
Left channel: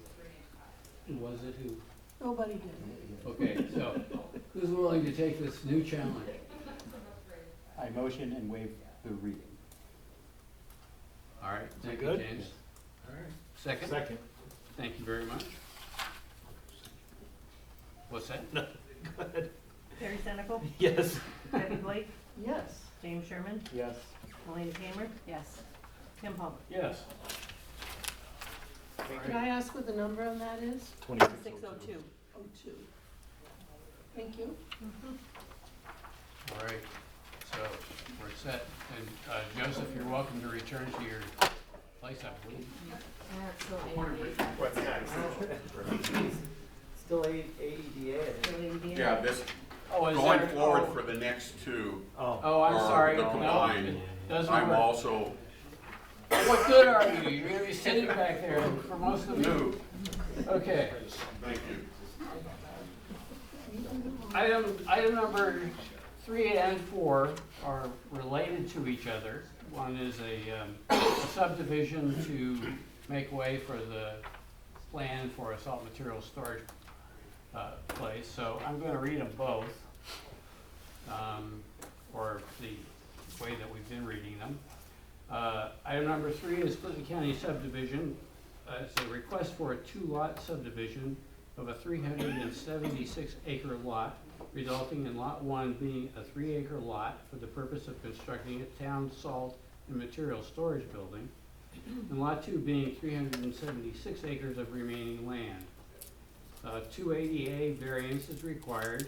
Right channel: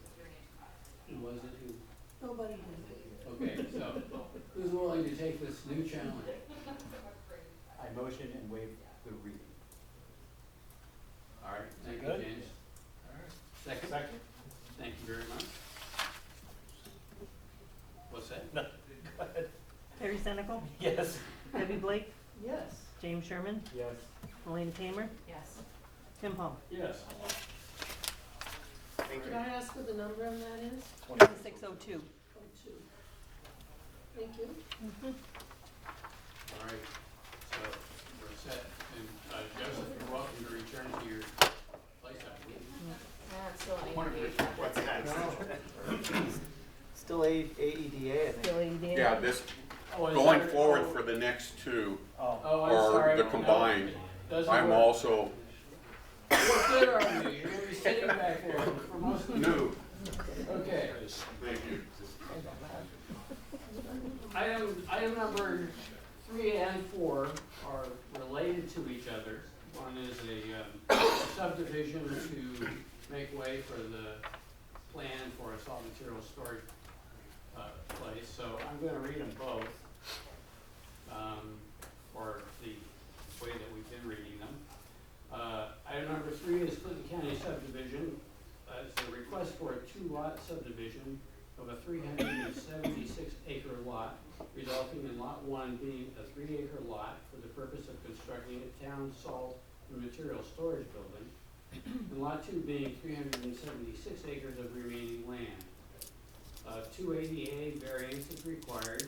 who was it who? Nobody did. Okay, so, who's willing to take this new challenge? I motion and waive the reading. All right, thank you, Good? James. Second? Second. Thank you very much. What's that? No, go ahead. Terry Senecal, Yes. Debbie Blake, Yes. James Sherman, Yes. Melina Tamer, Yes. Tim Hall. Yes. Could I ask what the number on that is? 602. Oh, 2. Thank you. All right, so we're set. And Joseph, you're welcome to return to your place, I believe. It's still AED. What's next? Still AEDA, I think. Still ADA? Yeah, this, Oh, is going there- forward oh, for the next two, Oh, I'm or sorry. the No, combined, it doesn't I'm work. also What good are you? You're gonna be sitting back there for most of the. new. Okay. Thank you. Item number 3 and 4 are related to each other. One is a subdivision to make way for the plan for a salt material storage place. So I'm going to read them both, or the way that we've been reading them. Item number 3 is Clinton County subdivision. It's a request for a 2-lot subdivision of a 376 acre lot, resulting in lot 1 being a 3-acre lot for the purpose of constructing a town salt and material storage building, and lot 2 being 376 acres of remaining land. 280A variance is required.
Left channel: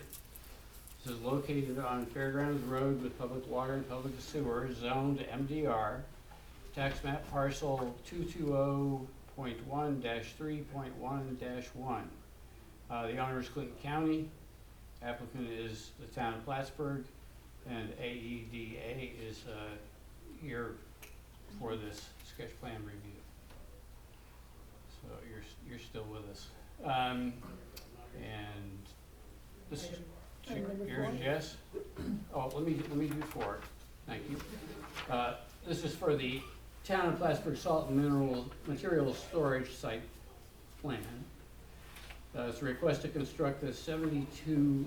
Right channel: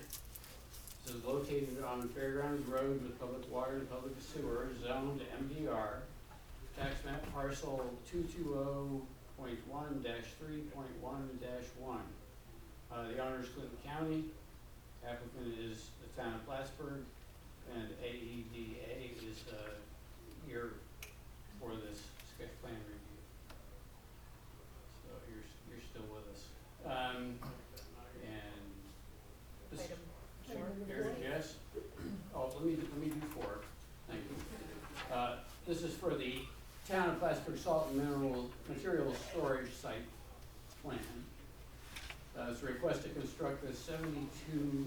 This is located on Fairgrounds Road with public water and public sewer, zoned MDR, tax map parcel 220.1-3.1-1. The owner is Clinton County, applicant is the town of Plattsburgh, and AEDA is here for this sketch plan review. So you're still with us. And this is, Item number here's 4. Jess. Oh, let me do 4. Thank you. This is for the town of Plattsburgh salt and material storage site plan. It's a request to construct a 72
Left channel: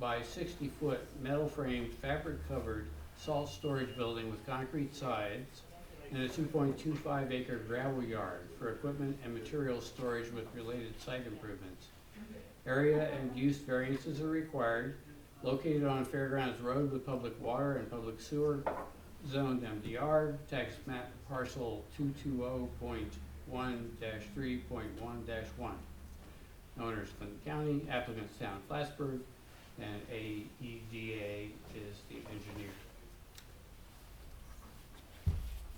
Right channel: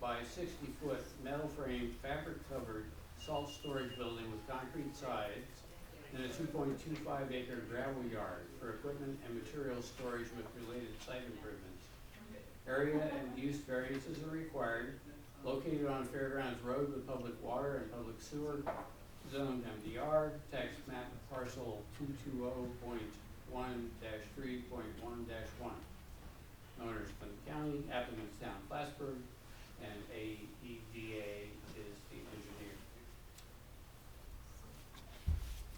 by 60 foot metal frame fabric covered salt storage building with concrete sides and a 2.25 acre gravel yard for equipment and material storage with related site improvements. Area and use variances are required. Located on Fairgrounds Road with public water and public sewer, zoned MDR, tax map parcel 220.1-3.1-1. Owners Clinton County, applicants town of Plattsburgh, and AEDA is the engineer.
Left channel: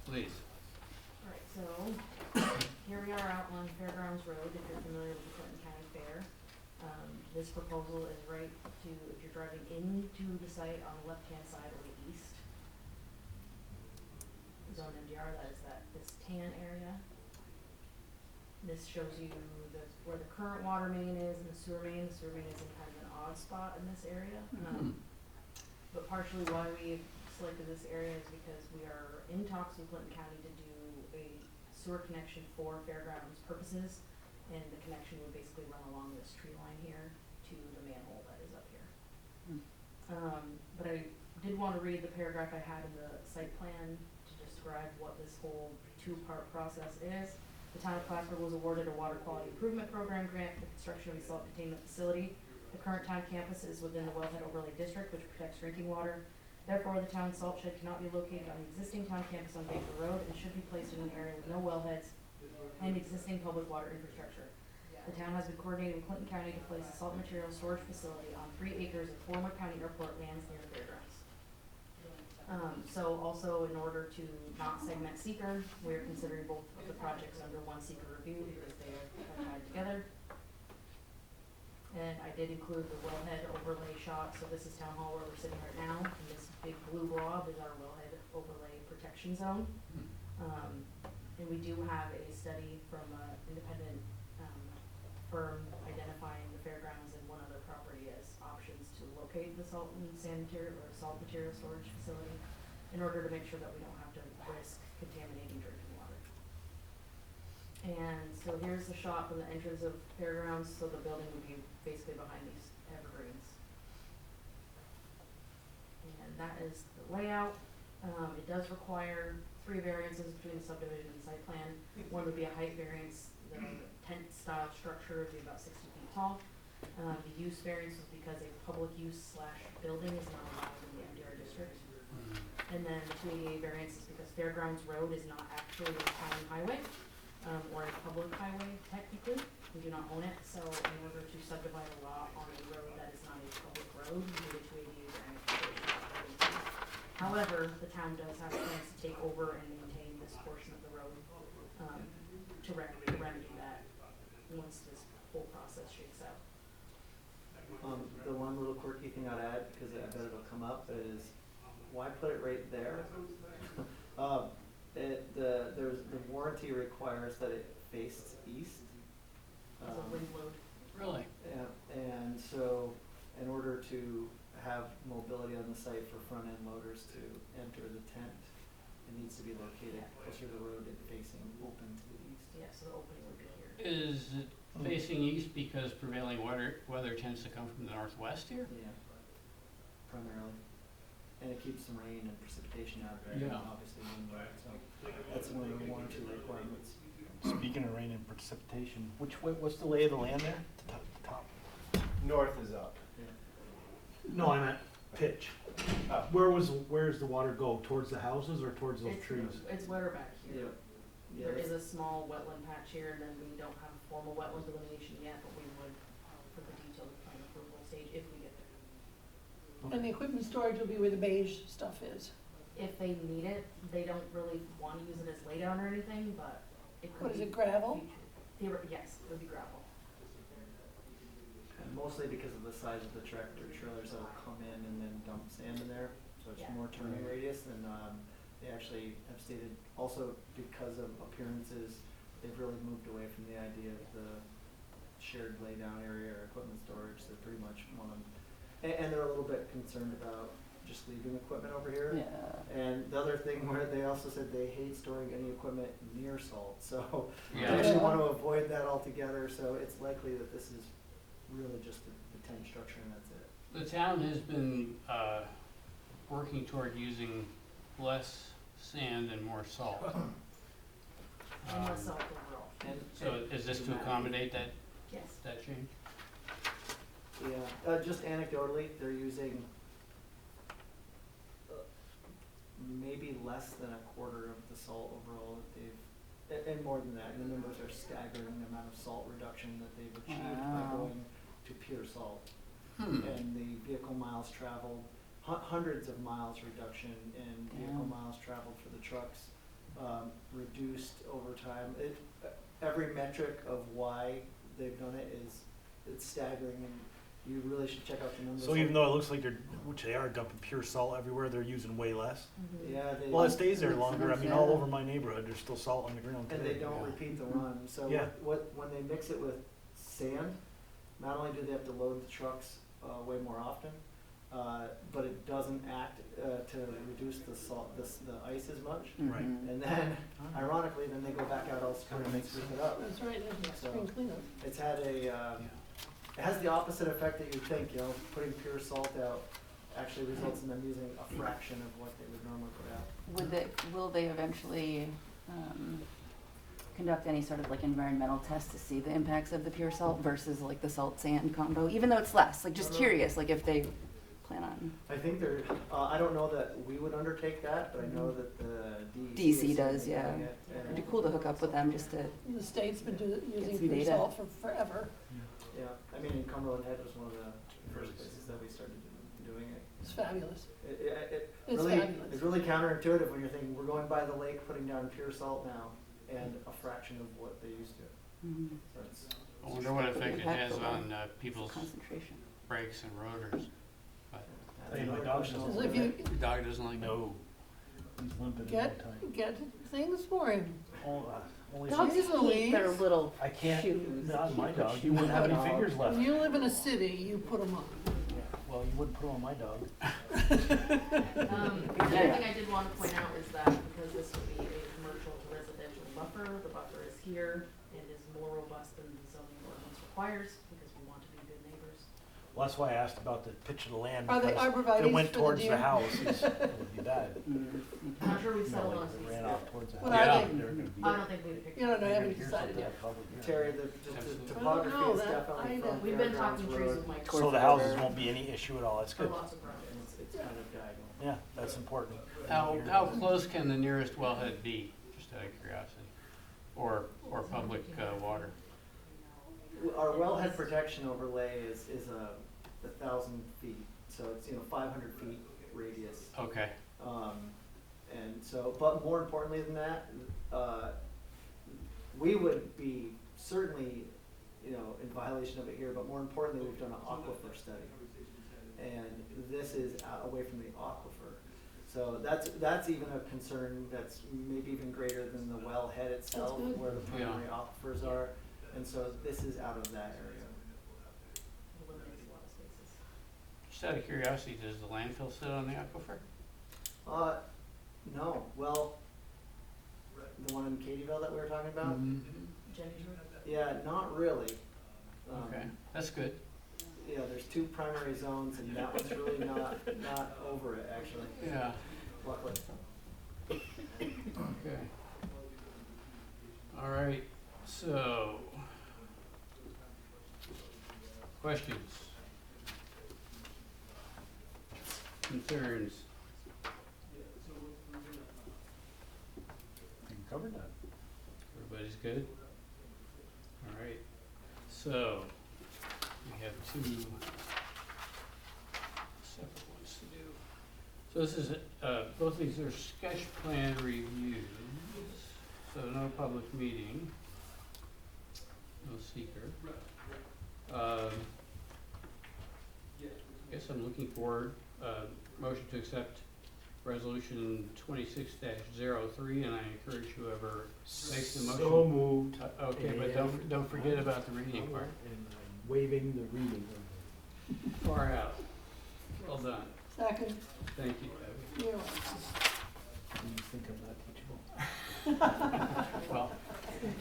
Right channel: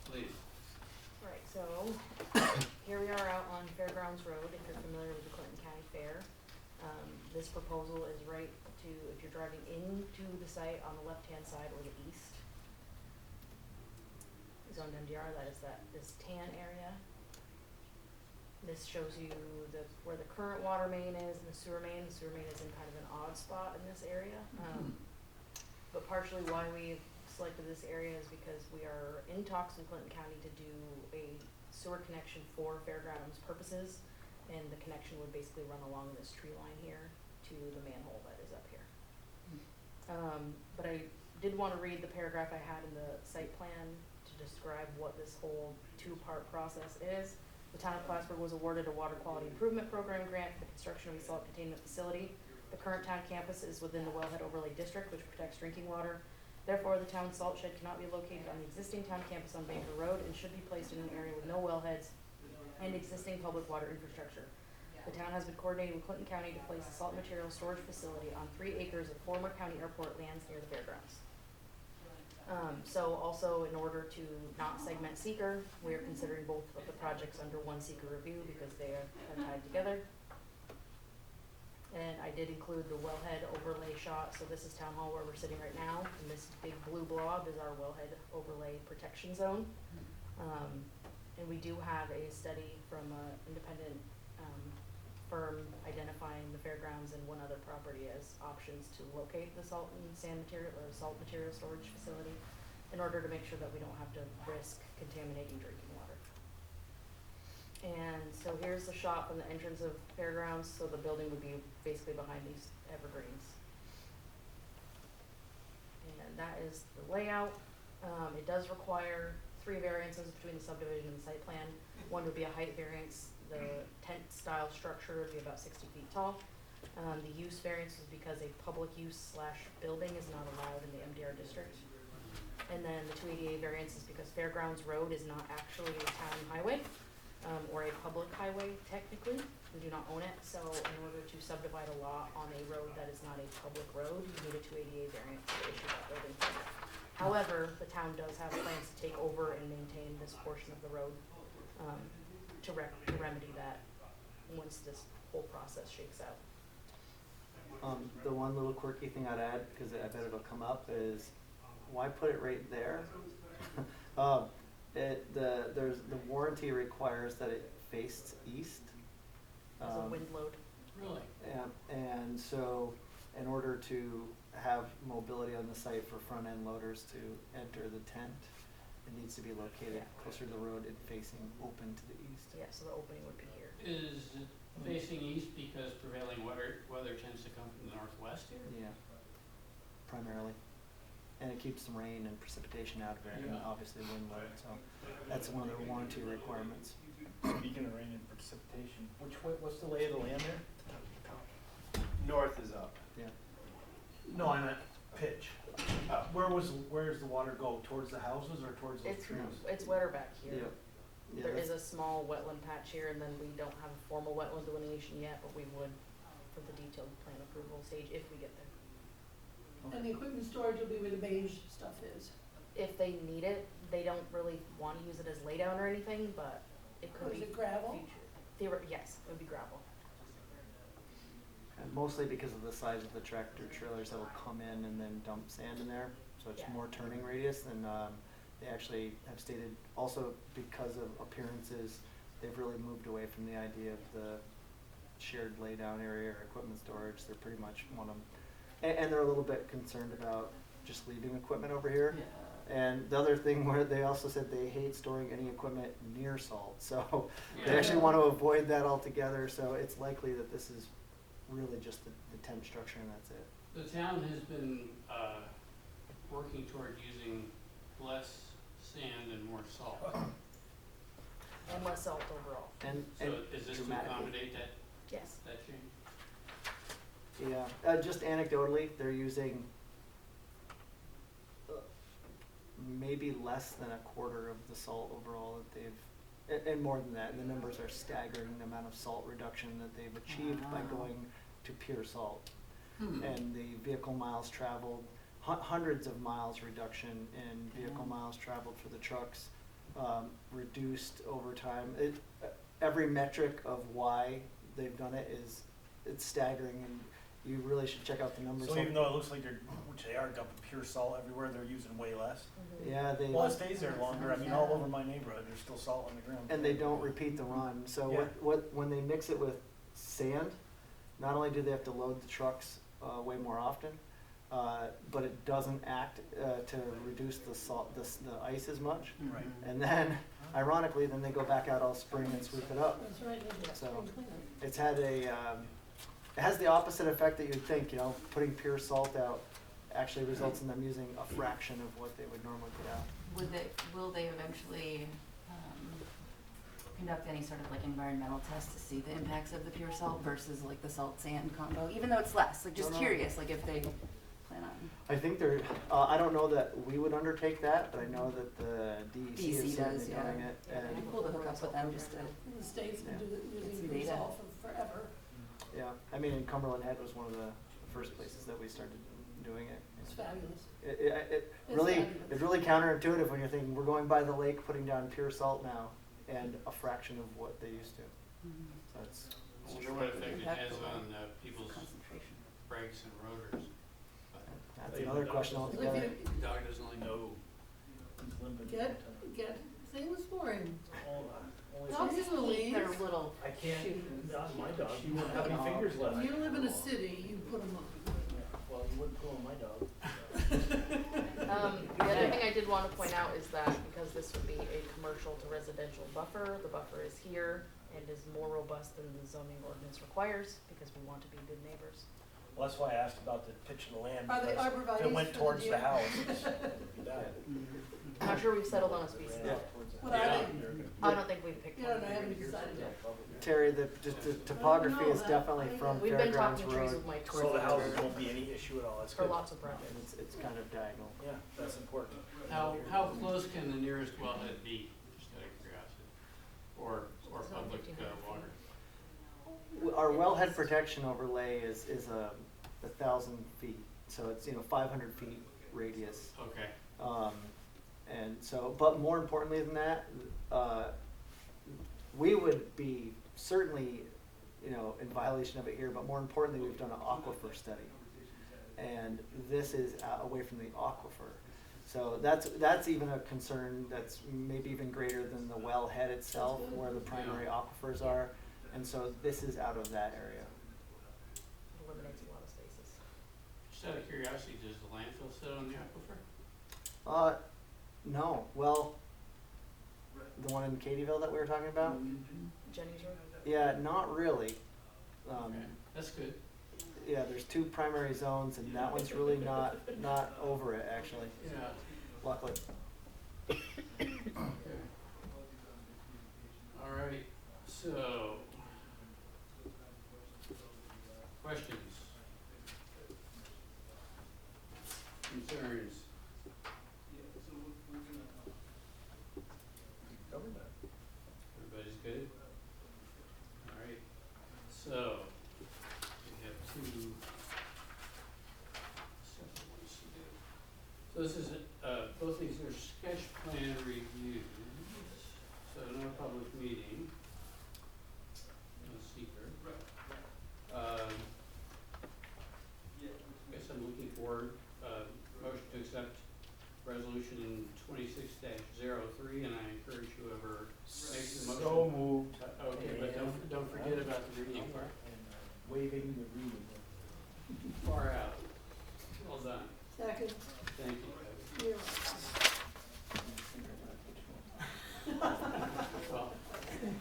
Please. Alright, so here we are out on Fairgrounds Road, if you're familiar with the Clinton County Fair. This proposal is right to, if you're driving into the site on the left-hand side or the east. Zone MDR, that is this tan area. This shows you where the current water main is and the sewer main. The sewer main is in kind of an odd spot in this area. But partially why we selected this area is because we are in talks with Clinton County to do a sewer connection for fairgrounds purposes. And the connection would basically run along this tree line here to the manhole that is up here. But I did want to read the paragraph I had in the site plan to describe what this whole 2-part process is. The town of Plattsburgh was awarded a water quality improvement program grant for the construction of a salt containment facility. The current town campus is within the wellhead overlay district, which protects drinking water. Therefore, the town salt shed cannot be located on the existing town campus on Baker Road and should be placed in an area with no wellheads and existing public water infrastructure. The town has been coordinating with Clinton County to place a salt material storage facility on 3 acres of former county airport lands near the fairgrounds. So also in order to not segment seeker, we are considering both of the projects under one seeker review because they are tied together. And I did include the wellhead overlay shot, so this is Town Hall where we're sitting right now, and this big blue blob is our wellhead overlay protection zone. And we do have a study from an independent firm identifying the fairgrounds and one other property as options to locate the salt and sand material or salt material storage facility in order to make sure that we don't have to risk contaminating drinking water. And so here's the shot from the entrance of fairgrounds, so the building would be basically behind these evergreens. And that is the layout. It does require 3 variances between the subdivision and the site plan. One would be a height variance. The tent style structure would be about 60 feet tall. The use variance is because a public use / building is not allowed in the MDR district. And then the 288 variance is because Fairgrounds Road is not actually a town highway, or a public highway technically. We do not own it, so in order to subdivide a lot on a road that is not a public road, we need a 288 variance for issue of building permit. However, the town does have plans to take over and maintain this portion of the road, to remedy that once this whole process shakes out. The one little quirky thing I'd add, because I bet it'll come up, is why put it right there? The warranty requires that it faces east. As a wind load. Really? And so, in order to have mobility on the site for front-end loaders to enter the tent, it needs to be located closer to the road and facing open to the east. Yeah, so the opening would be here. Is it facing east because prevailing weather tends to come from the northwest here? Yeah, primarily. And it keeps some rain and precipitation out of there, and Yeah. obviously wind load, so that's one of the warranty requirements. Speaking of rain and precipitation, what's the lay of the land there? Top. North is up. Yeah. No, I meant pitch. Oh. Where's the water go? Towards the houses or towards those trees? It's wetter back here. Yeah, There that's- is a small wetland patch here, and then we don't have a formal wetland delineation yet, but we would for the detailed plan approval stage if we get there. And the equipment storage will be where the beige stuff is. If they need it, they don't really want to use it as laydown or anything, but it could Or is be it gravel? Yes, it would be gravel. And mostly because of the size of the tractor trailers that will come in and then dump sand in there, so it's Yeah. more turning radius, and they actually have stated also because of appearances, they've really moved away from the idea of the shared laydown area or equipment storage. They're pretty much want them, and they're a little bit concerned about just leaving equipment over here. Yeah. And the other thing where they also said they hate storing any equipment near salt, so they Yeah. actually want to avoid that altogether, so it's likely that this is really just the tent structure and that's it. The town has been working toward using less sand and more salt. And less salt overall. So is this to dramatically. accommodate Yes. that change? Yeah, just anecdotally, they're using maybe less than a quarter of the salt overall that they've, and more than that, and the numbers are staggering, the amount of salt reduction that they've achieved by Wow. going to pure salt. Hmm. And the vehicle miles traveled, hundreds of miles reduction in vehicle Damn. miles traveled for the trucks, reduced over time. Every metric of why they've done it it's staggering, and you really should check out the numbers. So even though it looks like which they are dumping pure salt everywhere, they're using way less. Yeah, they. Well, it stays there Makes longer. I sense, mean, all yeah. over my neighborhood, there's still salt on the ground. And they don't repeat the run, so Yeah. when they mix it with sand, not only do they have to load the trucks way more often, but it doesn't act to reduce the salt, the ice as much. Right. Mhm. And then, ironically, then they go back out all spring and sweep it up. That's right, there's a So- spring cleanup. It's had it has the opposite effect that you'd think, putting pure salt out actually results in them using a fraction of what they would normally put out. Will they eventually conduct any sort of like environmental test to see the impacts of the pure salt versus like the salt sand combo, even though it's less? Like just No, no. curious, like if they plan on. I think they're, I don't know that we would undertake that, but I know that the DEC is DC does, certainly yeah. doing it. It'd be And, cool to hook up with them just to. The state's been using some pure data. salt for forever. yeah, I mean, Cumberland Head was one of the first places that we started doing it. It's fabulous. It It's really, fabulous. it's really counterintuitive when you're thinking, we're going by the lake, putting down pure salt now, and a fraction of what they used to. Mhm. That's, I wonder what Pretty effect it has impactful, on though. people's Concentration. brakes and rotors. But that's Hey, my another dog question doesn't- So if altogether. you the dog doesn't like No. He's limping all the time. get things for him. Only Dogs some- in the leaves. Their little I can't, shoes. not my dog, he wouldn't have any No. fingers left. When you live in a city, you put them on. Well, you wouldn't put it on my dog. The other thing I did want to point out is that because this would be a commercial to residential buffer, the buffer is here and is more robust than the zoning ordinance requires because we want to be good neighbors. Well, that's why I asked about the pitch of the land, Are they because if arborvitae's it went for the towards deer? the house, it would be bad. I'm not sure we've settled on a If it species. ran off towards the What house, are Yeah. they? they're gonna- I don't think we've picked You one. don't know, I haven't Here's decided something yet. I probably- Terry, the topography know is that. definitely from We've been Fairgrounds talking trees Road, with Mike So the houses won't be any issue at all, that's for good. lots of projects. and it's kind of diagonal. Yeah, that's important. how close can the nearest wellhead be, just out of curiosity? Or public water? Our wellhead protection overlay is 1,000 feet, so it's 500 feet radius. Okay, And so, but more importantly than that, we would be certainly, you know, in violation of it here, but more importantly, we've done an aquifer study. And this is away from the aquifer. So that's even a concern that's maybe even greater than the wellhead itself, That's good. where the primary aquifers are. And so this is out of that area. It eliminates a lot of spaces. Just out of curiosity, does the landfill sit on the aquifer? No, well, the one in Catieville that we were talking about? Jenny's room? Yeah, not really. Okay, that's good. Yeah, there's two primary zones and that one's really not over it, actually, Yeah, luckily. okay. All right, so, questions? Concerns? You covered that. Everybody's good? All right, so, we have two separate ones to do. So this is, both these are sketch plan reviews, so no public meeting, no seeker. I guess I'm looking for, motion to accept resolution 26-03, and I encourage whoever makes the motion. So moved. Okay, but don't forget about the reading part. And waiving the reading. Far out. Well done. Second, Thank you, Debbie. you're Well,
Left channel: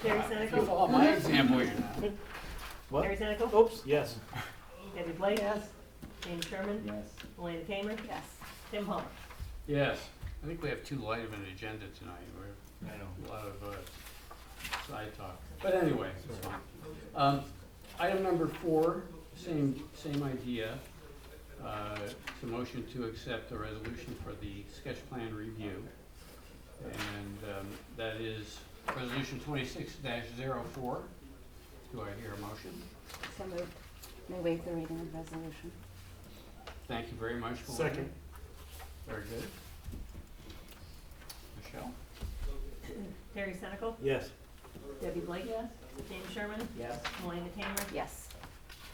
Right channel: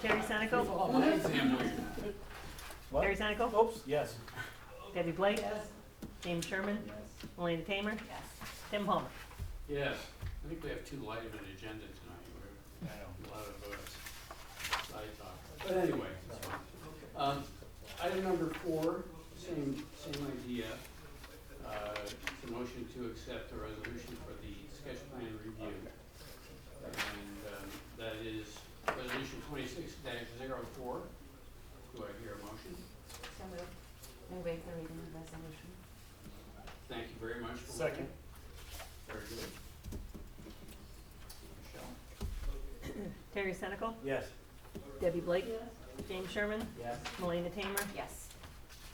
Terry you Senical? follow my example here now. What? Terry Senical? Oops, yes. Debbie Blake? Yes. James Sherman? Yes. Melanie Tamer? Yes. Tim Palmer? Yes, I think we have too light of an agenda tonight. We're, a lot of side talk. But anyway, it's fine. Item number 4, same idea. It's a motion to accept the resolution for the sketch plan review. And that is resolution 26-04. Do I hear a motion? So moved. May I waive the reading of the resolution? Thank you very much for Second. Very good. Michelle? Terry Senical? Yes. Debbie Blake? Yes. James Sherman? Yes. Melanie Tamer? Yes.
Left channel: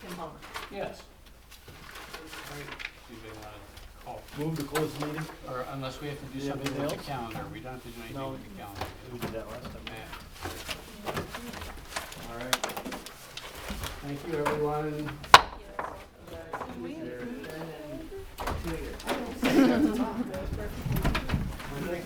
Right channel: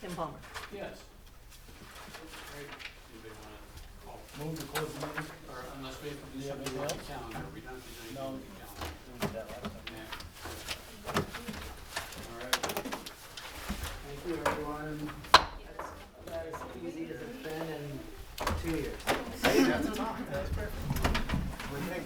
Tim Palmer? Yes. All right. Anybody wanna call? Move to close the meeting. Or unless we have to do Do you have something with the anything calendar, we don't have to do anything No. with the calendar. We did that last time. All right. Thank you, everyone. And 2 years. don't. When they